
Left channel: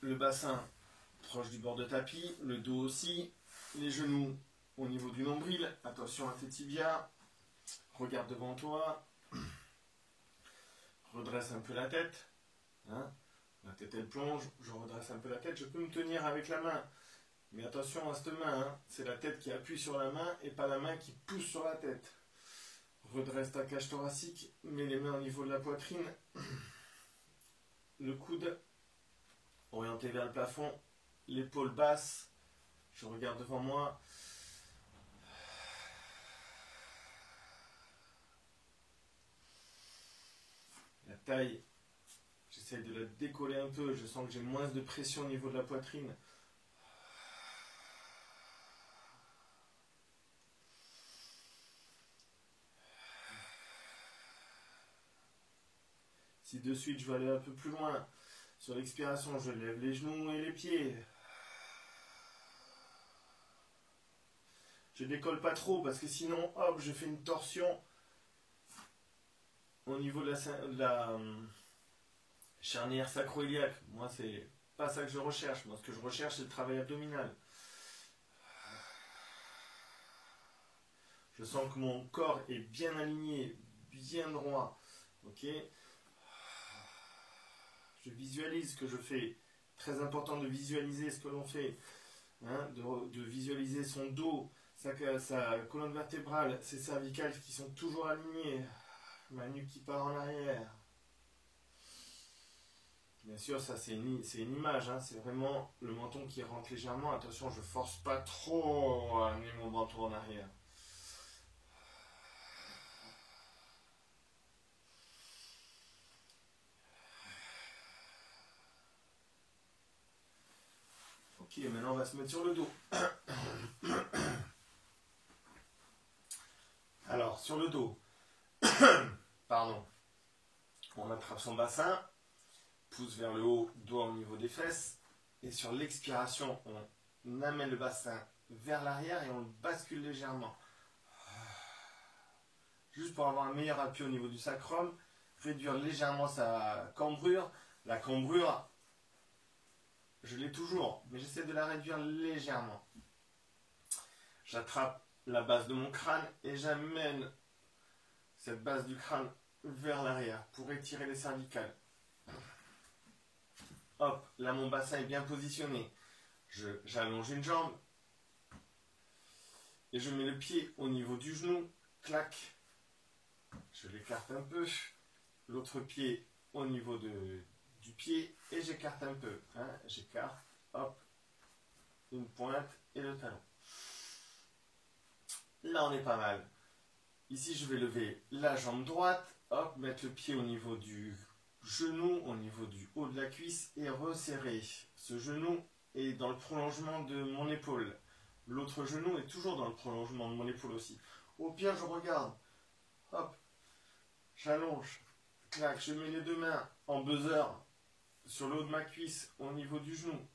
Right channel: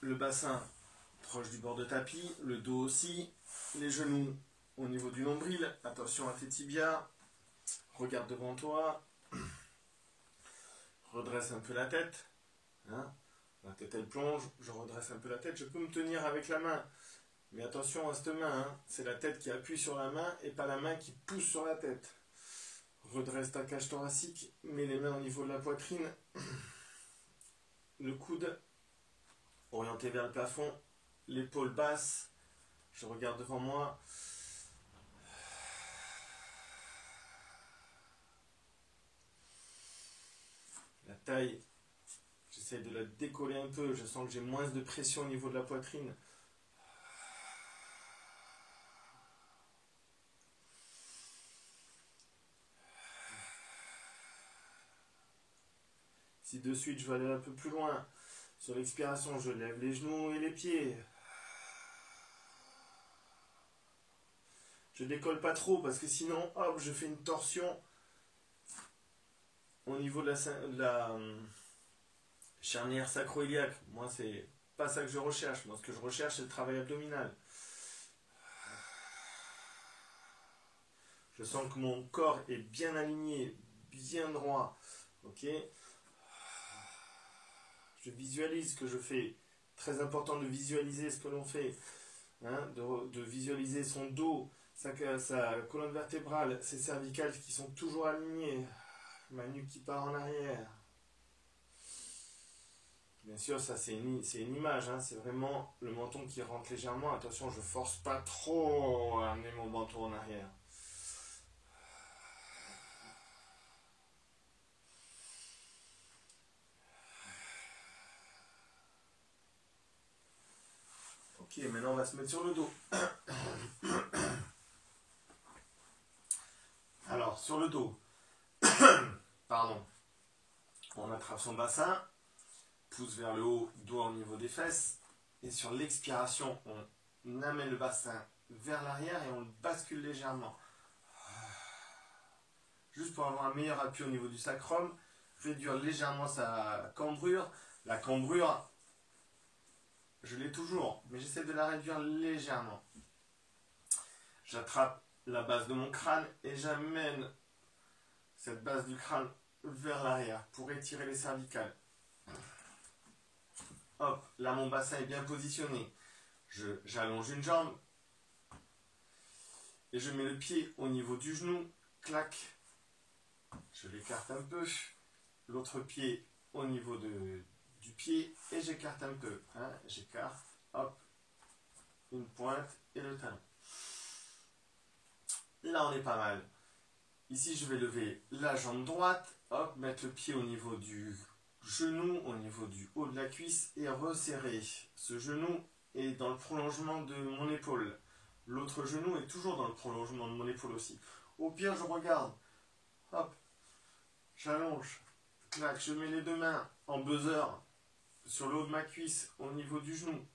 Le bassin proche du bord de tapis, le dos aussi, les genoux au niveau du nombril. Attention à tes tibias. Regarde devant toi. Redresse un peu la tête. Hein, la tête elle plonge, je redresse un peu la tête. Je peux me tenir avec la main. Mais attention à cette main, hein. C'est la tête qui appuie sur la main et pas la main qui pousse sur la tête. Redresse ta cage thoracique, mets les mains au niveau de la poitrine. Le coude orienté vers le plafond, l'épaule basse. Je regarde devant moi. La taille, j'essaie de la décoller un peu. Je sens que j'ai moins de pression au niveau de la poitrine. Si de suite je veux aller un peu plus loin, sur l'expiration, je lève les genoux et les pieds. Je décolle pas trop parce que sinon, hop, je fais une torsion au niveau de la charnière sacro-iliaque. Moi, c'est pas ça que je recherche. Moi, ce que je recherche, c'est le travail abdominal. Je sens que mon corps est bien aligné, bien droit. Ok. Je visualise ce que je fais. Très important de visualiser ce que l'on fait. Hein, de visualiser son dos, sa colonne vertébrale, ses cervicales qui sont toujours alignées. Ma nuque qui part en arrière. Bien sûr, ça c'est une image, hein, c'est vraiment le menton qui rentre légèrement. Attention, je force pas trop à amener mon menton en arrière. Ok, maintenant on va se mettre sur le dos. Alors, sur le dos, pardon, on attrape son bassin, pouce vers le haut, doigt au niveau des fesses, et sur l'expiration, on amène le bassin vers l'arrière et on le bascule légèrement. Juste pour avoir un meilleur appui au niveau du sacrum, réduire légèrement sa cambrure. La cambrure, je l'ai toujours, mais j'essaie de la réduire légèrement. J'attrape la base de mon crâne et j'amène cette base du crâne vers l'arrière pour étirer les cervicales. Hop, là mon bassin est bien positionné. J'allonge une jambe et je mets le pied au niveau du genou. Clac. Je l'écarte un peu. L'autre pied au niveau du pied et j'écarte un peu. Hein, j'écarte. Hop. Une pointe et le talon. Là on est pas mal. Ici je vais lever la jambe droite. Hop, mettre le pied au niveau du genou, au niveau du haut de la cuisse et resserrer. Ce genou est dans le prolongement de mon épaule. L'autre genou est toujours dans le prolongement de mon épaule aussi. Au pire, je regarde. Hop. J'allonge. Clac, je mets les deux mains en buzzer sur le haut de ma cuisse au niveau du genou.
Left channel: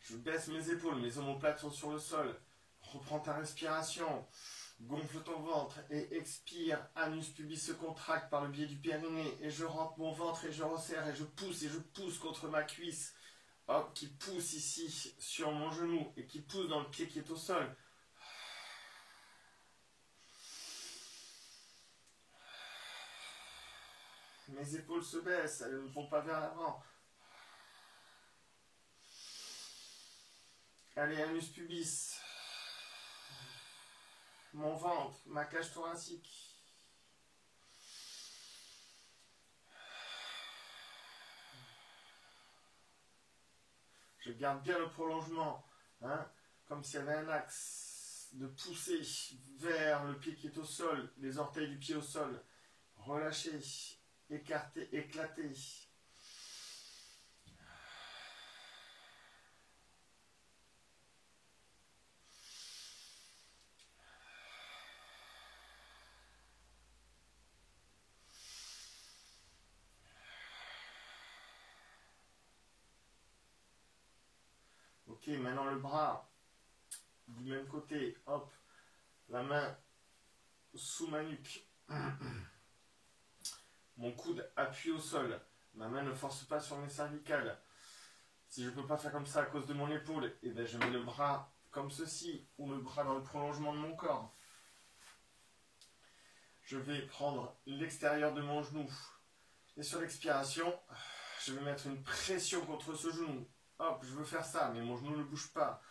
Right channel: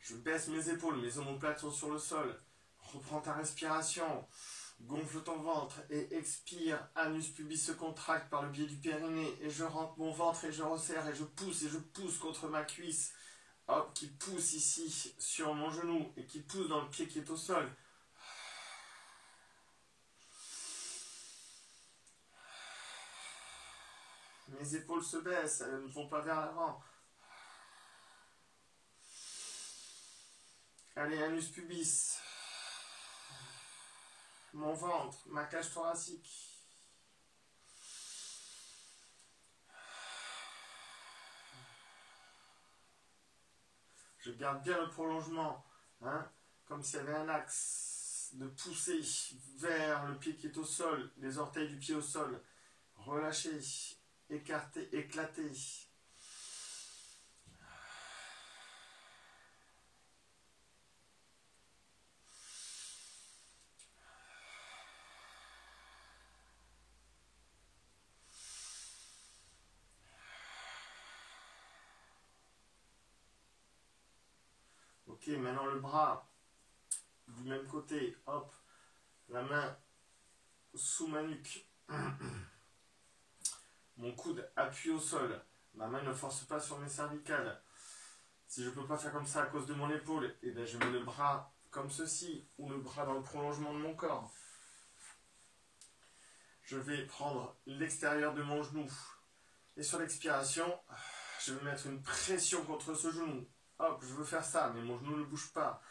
Je baisse mes épaules, mes omoplates sont sur le sol. Reprends ta respiration. Gonfle ton ventre et expire. Anus pubis se contracte par le biais du périnée et je rentre mon ventre et je resserre et je pousse contre ma cuisse. Hop, qui pousse ici sur mon genou et qui pousse dans le pied qui est au sol. Mes épaules se baissent, elles ne vont pas vers l'avant. Allez, anus pubis. Mon ventre, ma cage thoracique. Je garde bien le prolongement, hein, comme s'il y avait un axe de pousser vers le pied qui est au sol, les orteils du pied au sol. Relâchez, écartez, éclatez. Ok, maintenant le bras du même côté, hop, la main sous ma nuque. Mon coude appuie au sol. Ma main ne force pas sur mes cervicales. Si je ne peux pas faire comme ça à cause de mon épaule, eh bien je mets le bras comme ceci, ou le bras dans le prolongement de mon corps. Je vais prendre l'extérieur de mon genou. Et sur l'expiration, je vais mettre une pression contre ce genou. Hop, je veux faire ça, mais mon genou ne bouge pas.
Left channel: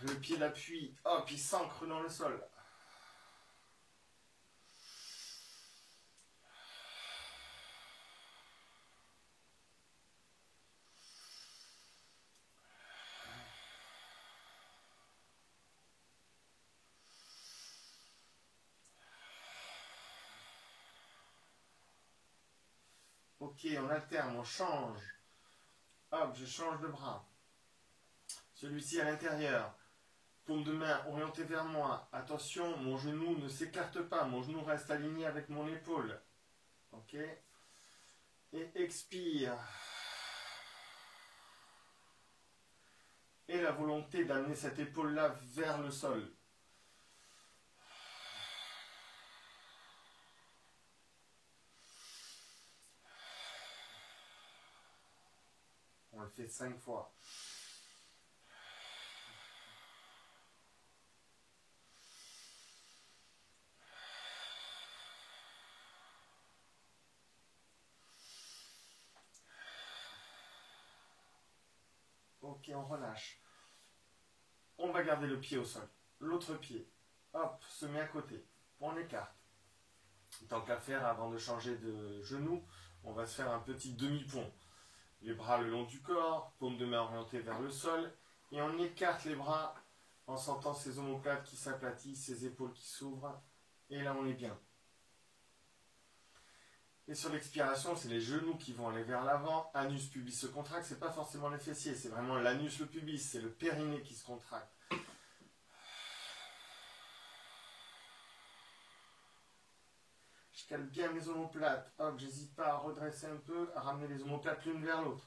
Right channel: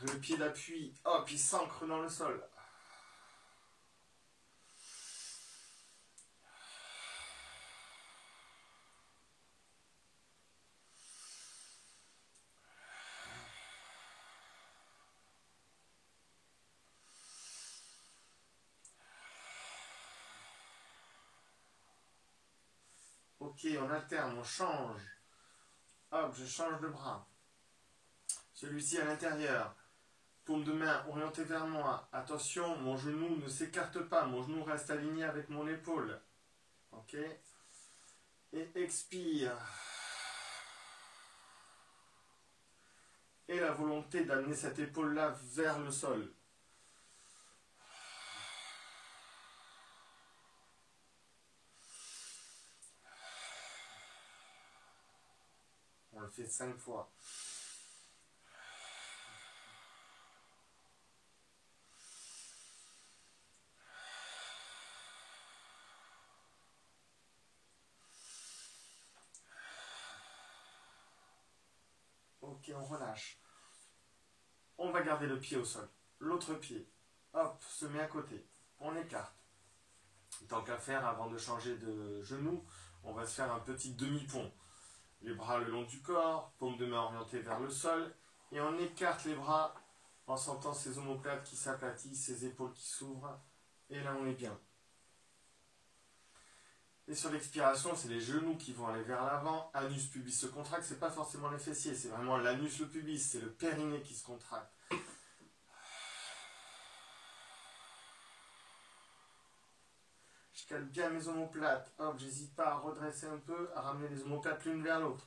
Le pied d'appui, hop, il s'ancre dans le sol. Ok, on alterne, on change. Hop, je change de bras. Celui-ci à l'intérieur. Paume de main orientée vers moi. Attention, mon genou ne s'écarte pas. Mon genou reste aligné avec mon épaule. Ok. Et expire. Et la volonté d'amener cette épaule-là vers le sol. On le fait 5 fois. Ok, on relâche. On va garder le pied au sol. L'autre pied, hop, se met à côté. On écarte. Tant qu'à faire, avant de changer de genou, on va se faire un petit demi-pont. Les bras le long du corps, paume de main orientée vers le sol. Et on écarte les bras en sentant ces omoplates qui s'aplatissent, ces épaules qui s'ouvrent. Et là, on est bien. Et sur l'expiration, c'est les genoux qui vont aller vers l'avant. Anus pubis se contracte, c'est pas forcément les fessiers, c'est vraiment l'anus, le pubis, c'est le périnée qui se contracte. Je cale bien mes omoplates. Hop, j'hésite pas à redresser un peu, à ramener les omoplates l'une vers l'autre.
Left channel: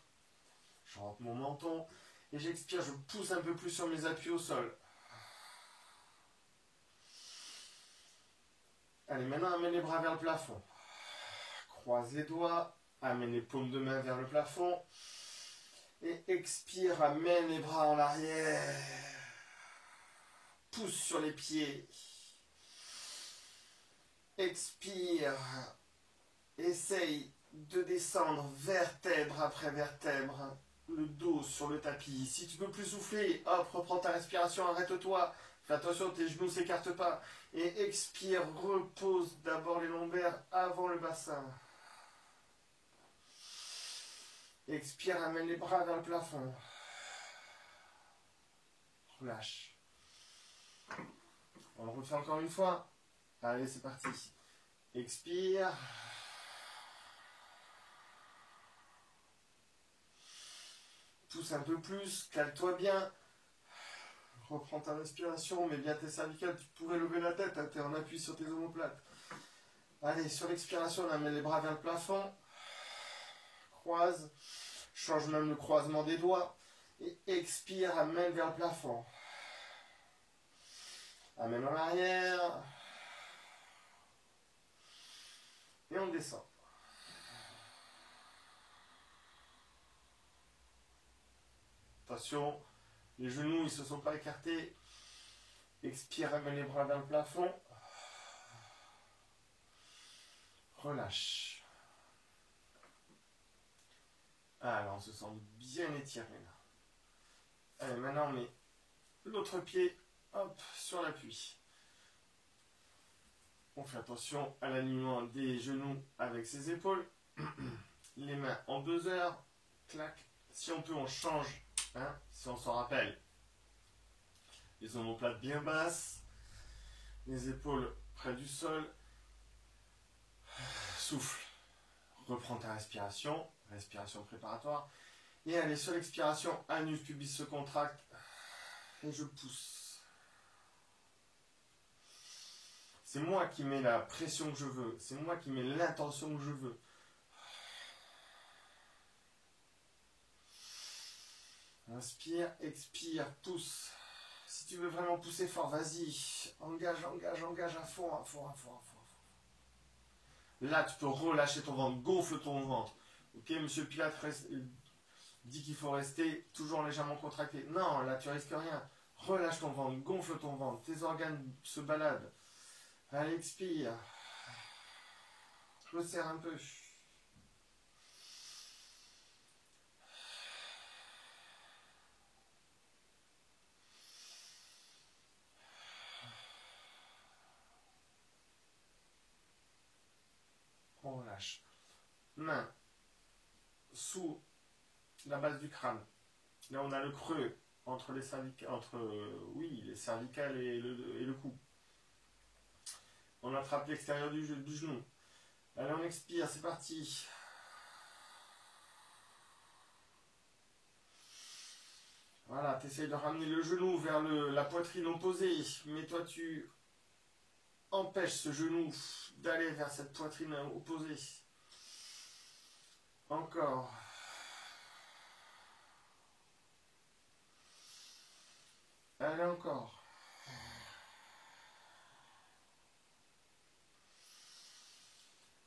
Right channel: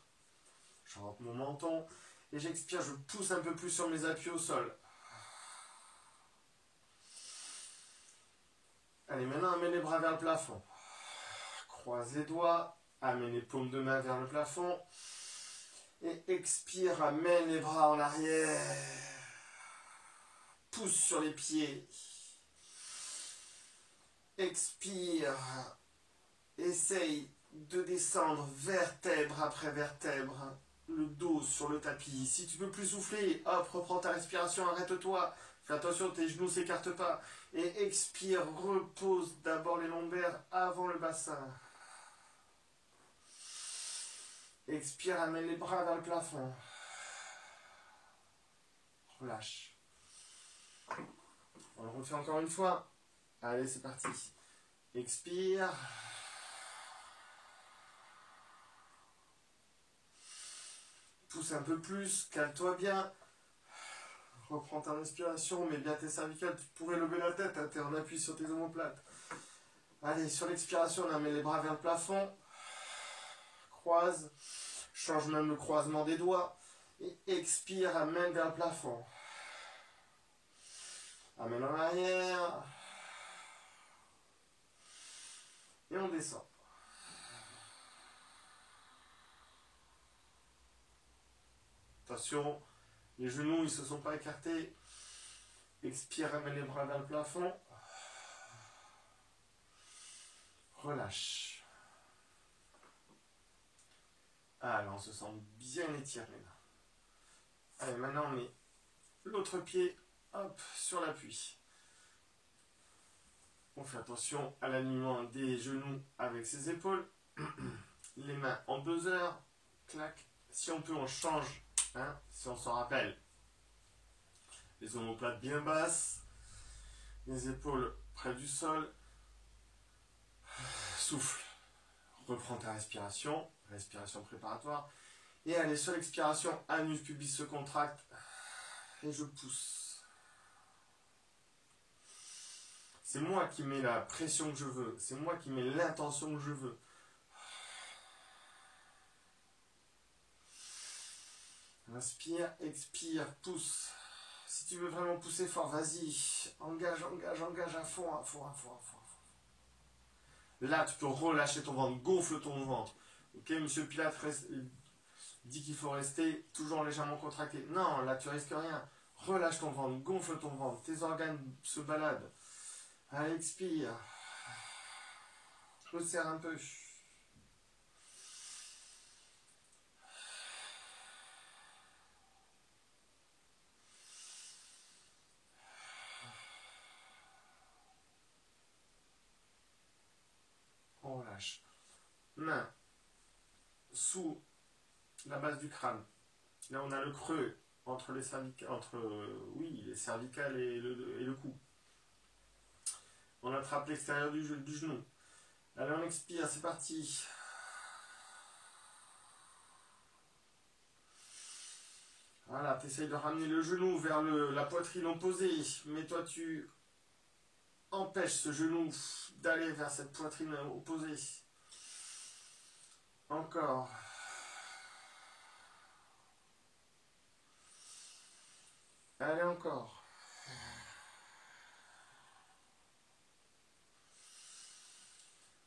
Je rentre mon menton et j'expire, je pousse un peu plus sur mes appuis au sol. Allez, maintenant, amène les bras vers le plafond. Croise les doigts, amène les paumes de main vers le plafond. Et expire, amène les bras en arrière. Pousse sur les pieds. Expire. Essaye de descendre vertèbre après vertèbre. Le dos sur le tapis. Si tu peux plus souffler, hop, reprends ta respiration, arrête-toi. Fais attention, tes genoux ne s'écartent pas. Et expire, repose d'abord les lombaires avant le bassin. Expire, amène les bras vers le plafond. Relâche. On le refait encore une fois. Allez, c'est parti. Expire. Pousse un peu plus, cale-toi bien. Reprends ta respiration, mets bien tes cervicales. Tu pourrais lever la tête, hein, tu es en appui sur tes omoplates. Allez, sur l'expiration, on met les bras vers le plafond. Croise. Change même le croisement des doigts. Et expire, amène vers le plafond. Amène en arrière. Et on descend. Attention, les genoux, ils ne se sont pas écartés. Expire, amène les bras dans le plafond. Relâche. Alors, on se sent bien étiré là. Allez, maintenant on met l'autre pied, hop, sur l'appui. On fait attention à l'alignement des genoux avec ses épaules. Les mains en buzzer. Clac. Si on peut, on change. Hein, si on s'en rappelle. Les omoplates bien basses. Les épaules près du sol. Souffle. Reprends ta respiration. Respiration préparatoire. Et allez, sur l'expiration, anus pubis se contracte. Et je pousse. C'est moi qui mets la pression que je veux. C'est moi qui mets l'intention que je veux. Inspire, expire, pousse. Si tu veux vraiment pousser fort, vas-y. Engage, engage, engage à fond, à fond, à fond, à fond. Là, tu peux relâcher ton ventre, gonfle ton ventre. Ok, monsieur Pilates dit qu'il faut rester toujours légèrement contracté. Non, là, tu risques rien. Relâche ton ventre, gonfle ton ventre. Tes organes se baladent. Allez, expire. Resserre un peu. On relâche. Main sous la base du crâne. Là, on a le creux entre les cervicales, les cervicales et le cou. On attrape l'extérieur du genou. Allez, on expire, c'est parti. Voilà, tu essayes de ramener le genou vers la poitrine opposée. Mais toi, tu empêches ce genou d'aller vers cette poitrine opposée. Encore. Allez, encore.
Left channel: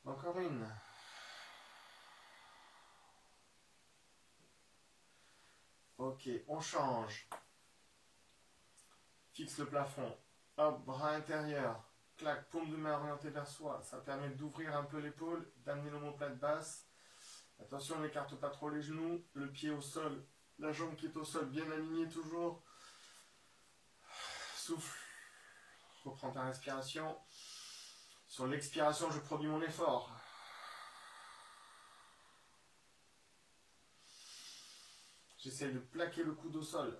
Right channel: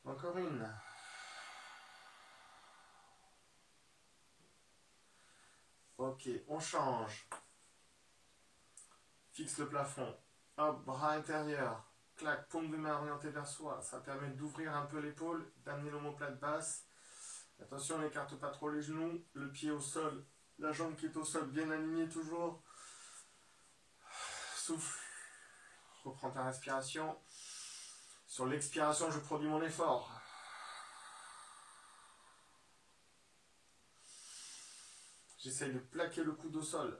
Encore une. Ok, on change. Fixe le plafond. Hop, bras intérieur. Clac, paume de main orientée vers soi. Ça permet d'ouvrir un peu l'épaule, d'amener l'omoplate basse. Attention, on n'écarte pas trop les genoux. Le pied au sol. La jambe qui est au sol, bien alignée toujours. Souffle. Reprends ta respiration. Sur l'expiration, je produis mon effort. J'essaye de plaquer le coude au sol.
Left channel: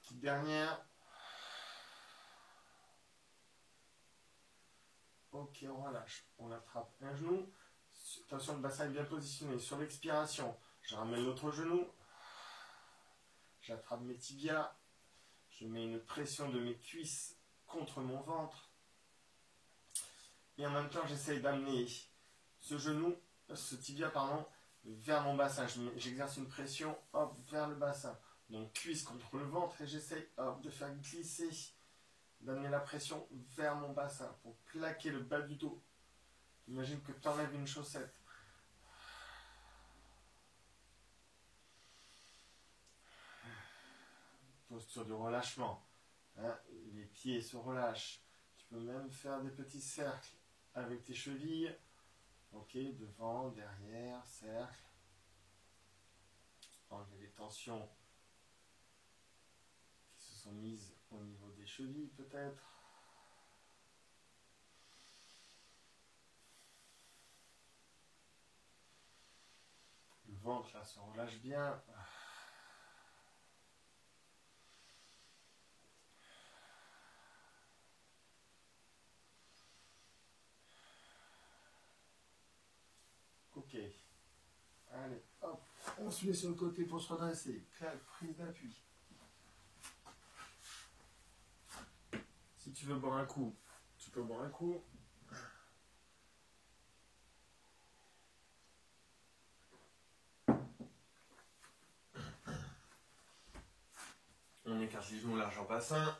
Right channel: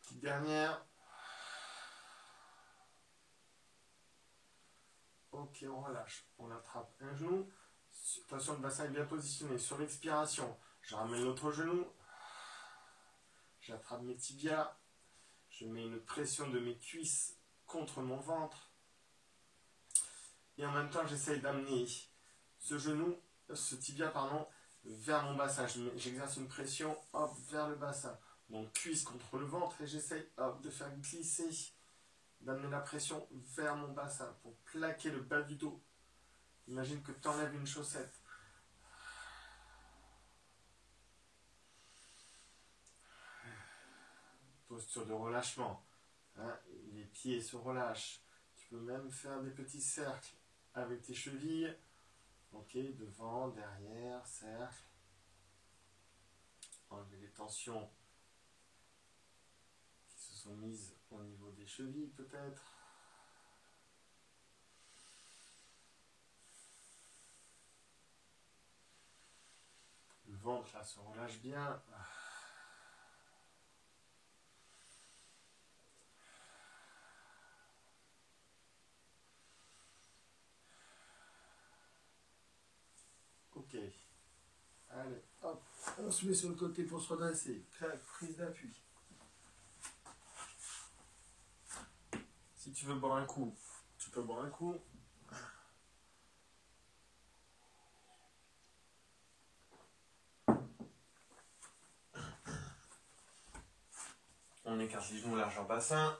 Petite dernière. Ok, on relâche. On attrape un genou. Attention, le bassin est bien positionné. Sur l'expiration, je ramène l'autre genou. J'attrape mes tibias. Je mets une pression de mes cuisses contre mon ventre. Et en même temps, j'essaye d'amener ce tibia, vers mon bassin. J'exerce une pression, hop, vers le bassin. Donc, cuisse contre le ventre et j'essaye, hop, de faire glisser, d'amener la pression vers mon bassin pour plaquer le bas du dos. Imagine que tu enlèves une chaussette. Posture de relâchement. Hein, les pieds se relâchent. Tu peux même faire des petits cercles avec tes chevilles. Ok, devant, derrière, cercle. Enlever les tensions qui se sont mises au niveau des chevilles peut-être. ventre là se relâche bien. Ok. Allez, hop, on se met sur le côté pour se redresser. Clac, prise d'appui. Si tu veux boire un coup, tu peux boire un coup. On écarte les genoux large en bassin.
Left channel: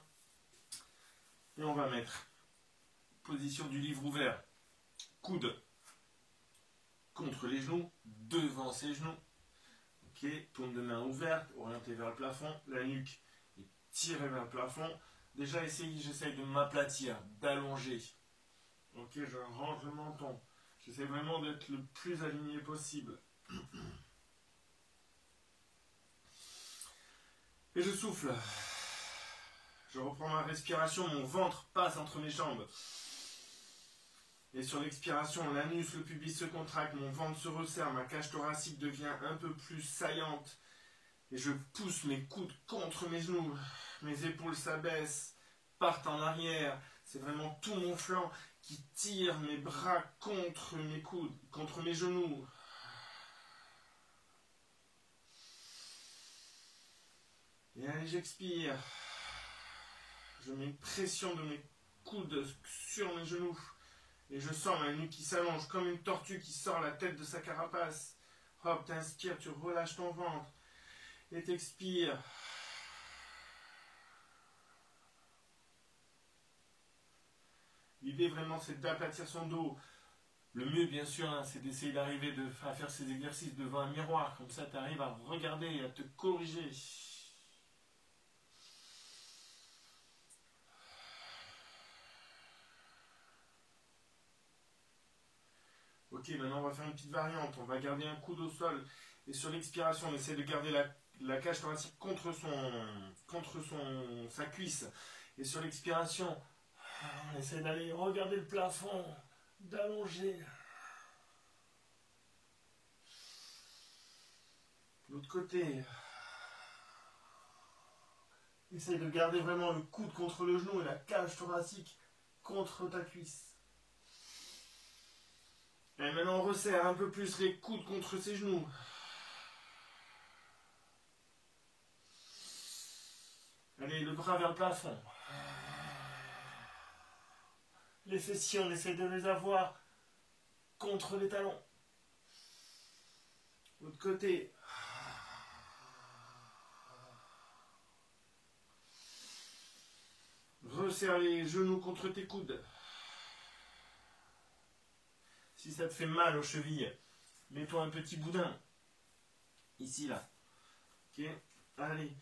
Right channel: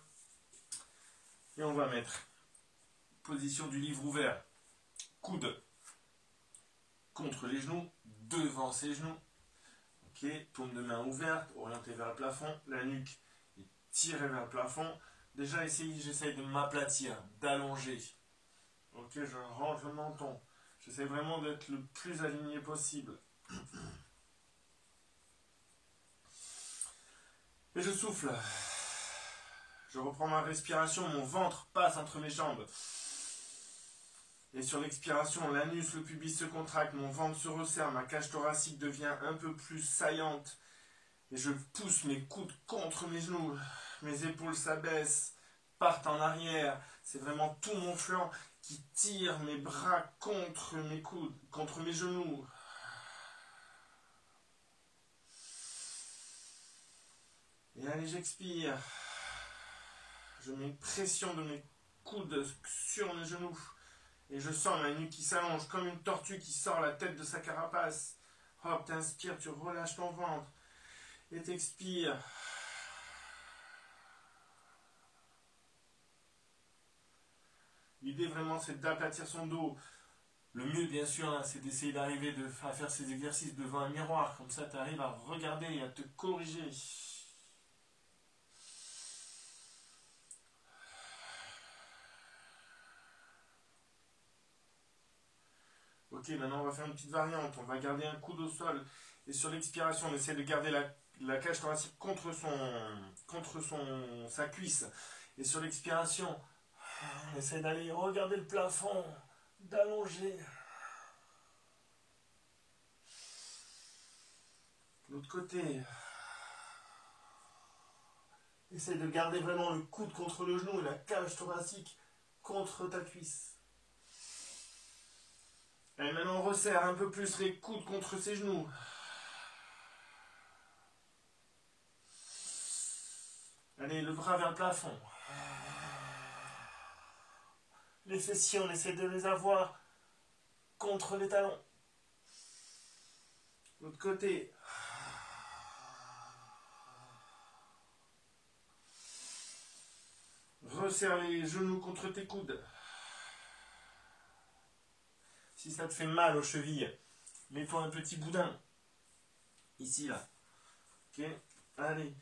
Et on va mettre position du livre ouvert. Coude contre les genoux, devant ses genoux. Ok, paume de main ouverte, orientée vers le plafond. La nuque est tirée vers le plafond. Déjà, j'essaye de m'aplatir, d'allonger. Ok, je range le menton. J'essaie vraiment d'être le plus aligné possible. Et je souffle. Je reprends ma respiration, mon ventre passe entre mes jambes. Et sur l'expiration, l'anus, le pubis se contracte, mon ventre se resserre, ma cage thoracique devient un peu plus saillante. Et je pousse mes coudes contre mes genoux. Mes épaules s'abaissent, partent en arrière. C'est vraiment tout mon flanc qui tire mes bras contre mes coudes, contre mes genoux. Et allez, j'expire. Je mets une pression de mes coudes sur mes genoux. Et je sens ma nuque qui s'allonge comme une tortue qui sort la tête de sa carapace. Hop, t'inspires, tu relâches ton ventre. Et t'expires. L'idée vraiment, c'est d'aplatir son dos. Le mieux, bien sûr, hein, c'est d'essayer d'arriver à faire ces exercices devant un miroir. Comme ça, tu arrives à regarder et à te corriger. Ok, maintenant, on va faire une petite variante. On va garder un coude au sol. Et sur l'expiration, on essaie de garder la cage thoracique contre sa cuisse. Et sur l'expiration, on essaie d'aller regarder le plafond, d'allonger. L'autre côté. Essaye de garder vraiment le coude contre le genou et la cage thoracique contre ta cuisse. Et maintenant on resserre un peu plus les coudes contre ses genoux. Allez, le bras vers le plafond. Les fessiers, on essaie de les avoir contre les talons. L'autre côté. Resserre les genoux contre tes coudes. Si ça te fait mal aux chevilles, mets-toi un petit boudin. Ici, là. Ok, allez.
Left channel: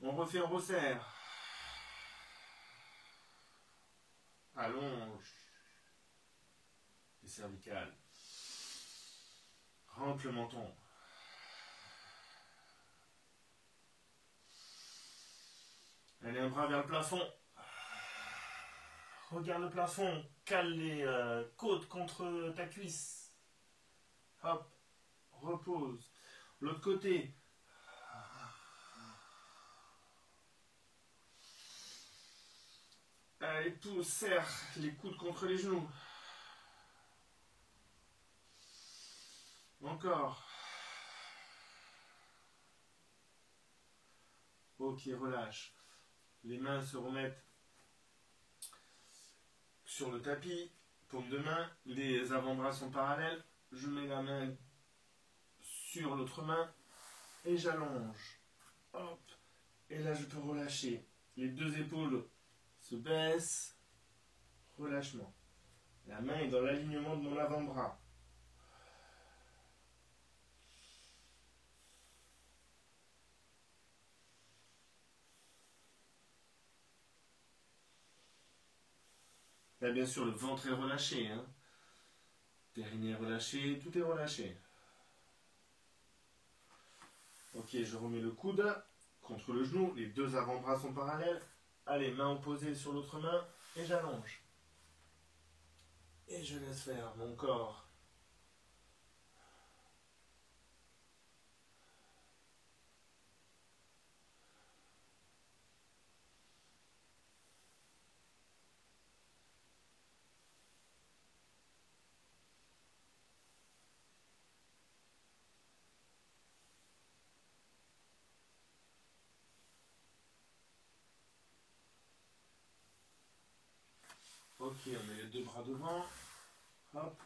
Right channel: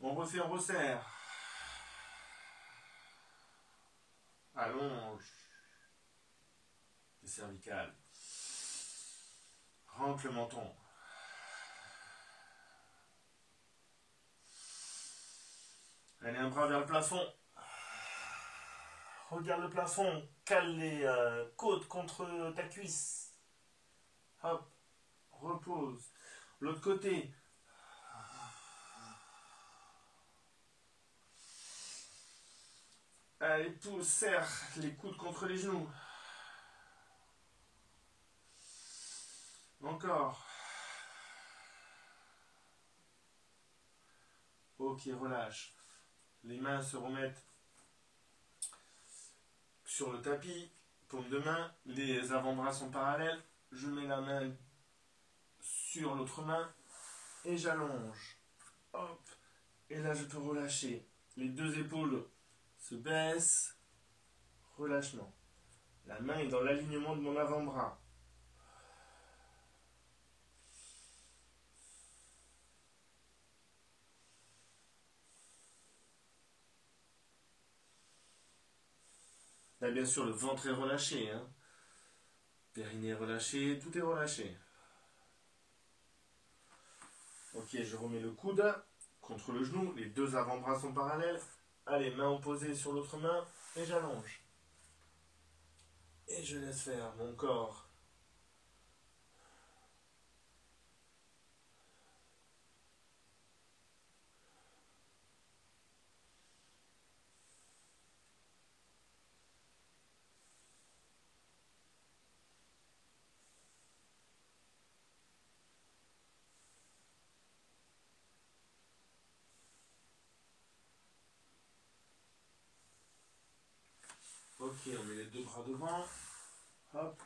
On refait, on resserre. Allonge. Les cervicales. Rentre le menton. Allez, un bras vers le plafond. Regarde le plafond. Cale les côtes contre ta cuisse. Hop. Repose. L'autre côté. Allez, pousse, serre les coudes contre les genoux. Encore. Ok, relâche. Les mains se remettent sur le tapis. Paume de main. Les avant-bras sont parallèles. Je mets la main sur l'autre main. Et j'allonge. Hop. Et là, je peux relâcher. Les deux épaules se baissent. Relâchement. La main est dans l'alignement de mon avant-bras. Là, bien sûr, le ventre est relâché. Hein. Périnée est relâché, tout est relâché. Ok, je remets le coude contre le genou. Les deux avant-bras sont parallèles. Allez, main opposée sur l'autre main. Et j'allonge. Et je laisse faire mon corps. Ok, on met les deux bras devant. Hop.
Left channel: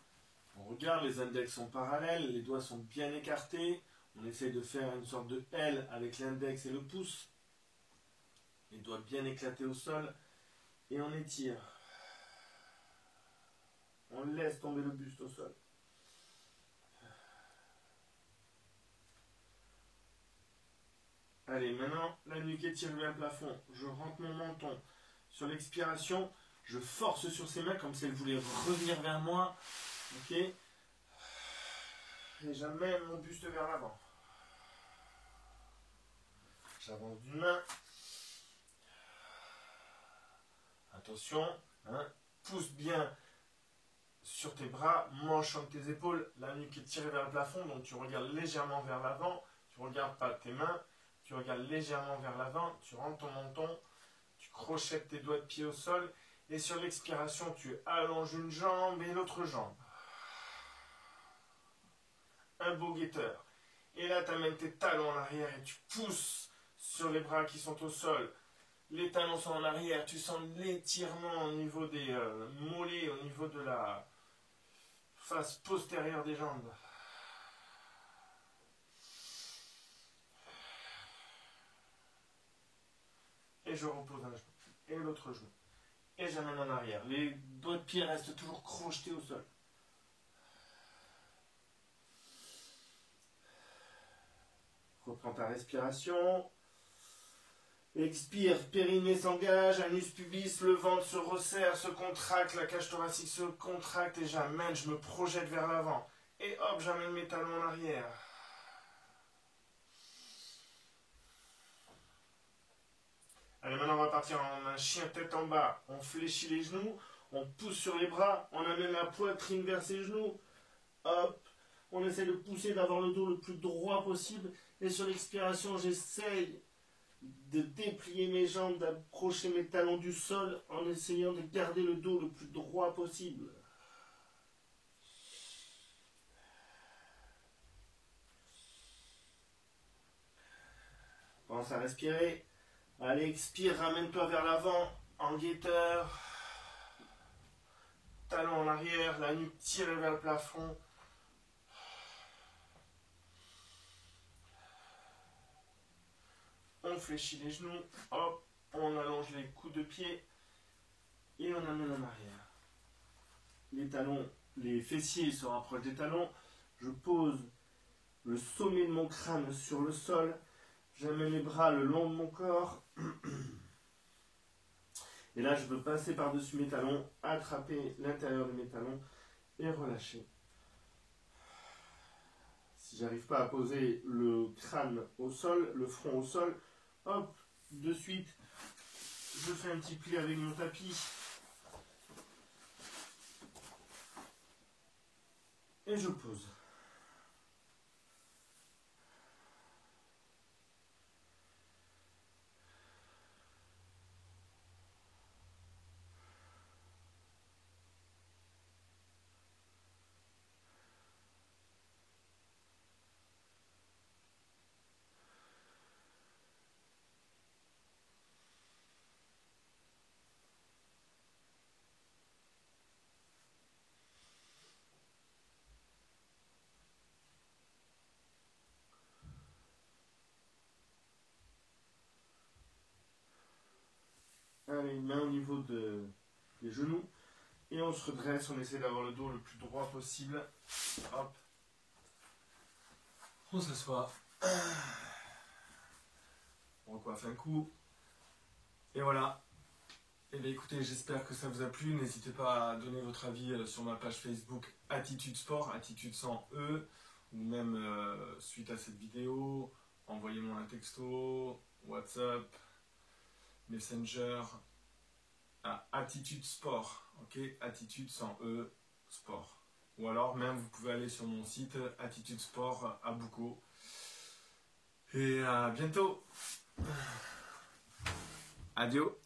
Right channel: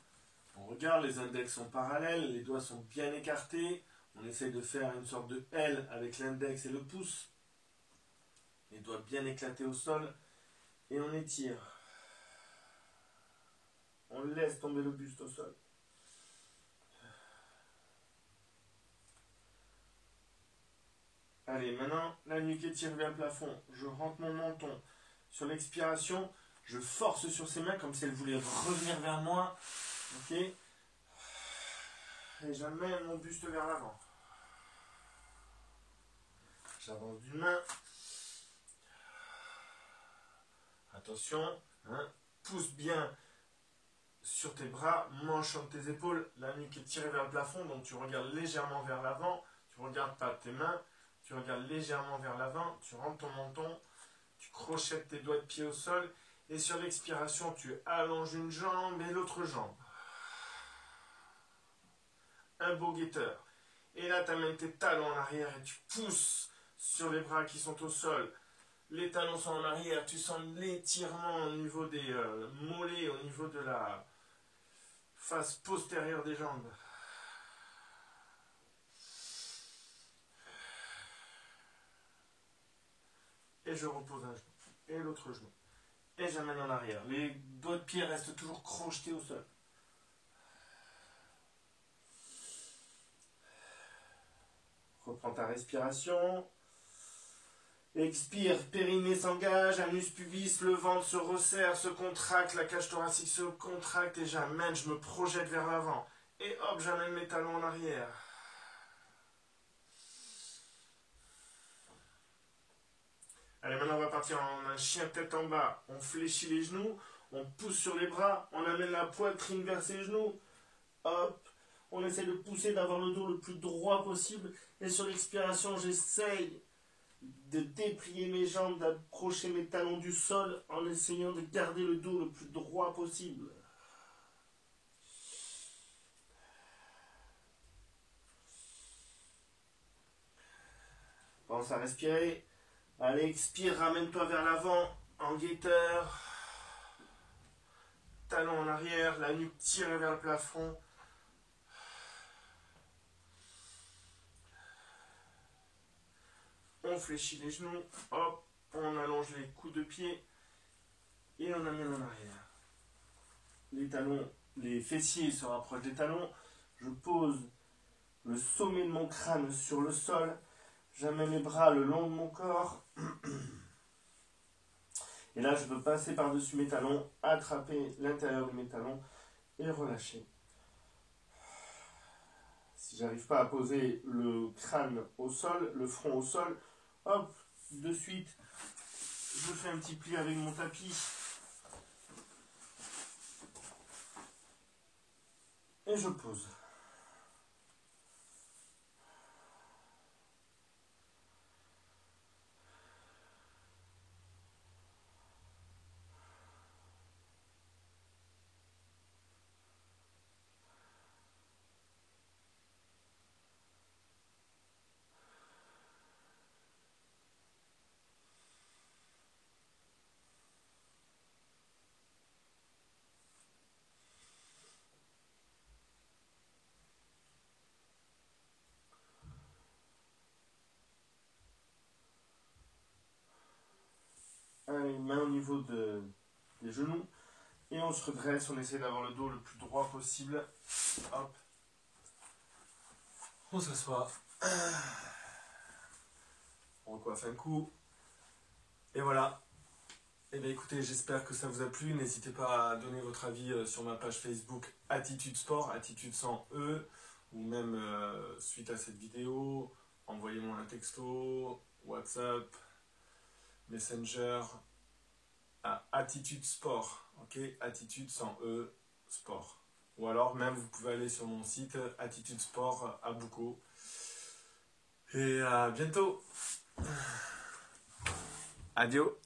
On regarde, les index sont parallèles, les doigts sont bien écartés. On essaye de faire une sorte de L avec l'index et le pouce. Les doigts bien éclatés au sol. Et on étire. On laisse tomber le buste au sol. Allez, maintenant, la nuque étire vers le plafond. Je rentre mon menton. Sur l'expiration, je force sur ses mains comme si elle voulait revenir vers moi. Ok. Et j'amène mon buste vers l'avant. J'avance d'une main. Attention, hein, pousse bien sur tes bras, manche entre tes épaules, la nuque est tirée vers le plafond, donc tu regardes légèrement vers l'avant, tu ne regardes pas tes mains, tu regardes légèrement vers l'avant, tu rentres ton menton, tu crochettes tes doigts de pied au sol, et sur l'expiration, tu allonges une jambe et l'autre jambe. Un beau guetteur. Et là, tu amènes tes talons en arrière et tu pousses sur les bras qui sont au sol. Les talons sont en arrière, tu sens l'étirement au niveau des mollets, au niveau de la face postérieure des jambes. Et je repose un genou. Et l'autre genou. Et j'amène en arrière. Les doigts de pied restent toujours crochetés au sol. Reprends ta respiration. Expire, périnée s'engage, anus pubis, le ventre se resserre, se contracte, la cage thoracique se contracte et j'amène, je me projette vers l'avant. Et hop, j'amène mes talons en arrière. Allez, maintenant on va partir en un chien tête en bas. On fléchit les genoux, on pousse sur les bras, on amène la poitrine vers ses genoux. Hop, on essaie de pousser, d'avoir le dos le plus droit possible. Et sur l'expiration, j'essaye de déplier mes jambes, d'approcher mes talons du sol en essayant de garder le dos le plus droit possible. Pense à respirer. Allez, expire, ramène-toi vers l'avant, en guetteur. Talons en arrière, la nuque tirée vers le plafond. On fléchit les genoux, hop, on allonge les coudes de pied et on amène en arrière. Les talons, les fessiers se rapprochent des talons. Je pose le sommet de mon crâne sur le sol. J'amène les bras le long de mon corps. Et là, je peux passer par-dessus mes talons, attraper l'intérieur de mes talons et relâcher. Si j'arrive pas à poser le crâne au sol, le front au sol, hop, de suite, je fais un petit pli avec mon tapis. Et je pose. Allez, main au niveau des genoux. Et on se redresse, on essaie d'avoir le dos le plus droit possible. Hop. On s'assoit. On recoiffe un coup. Et voilà. Et bien écoutez, j'espère que ça vous a plu. N'hésitez pas à donner votre avis sur ma page Facebook Attitude Sport, Attitude sans E, ou même suite à cette vidéo, envoyez-moi un texto, WhatsApp, Messenger à Attitude Sport, ok, Attitude sans E, sport. Ou alors même vous pouvez aller sur mon site Attitude Sport à Boucau. Et à bientôt. Adieu.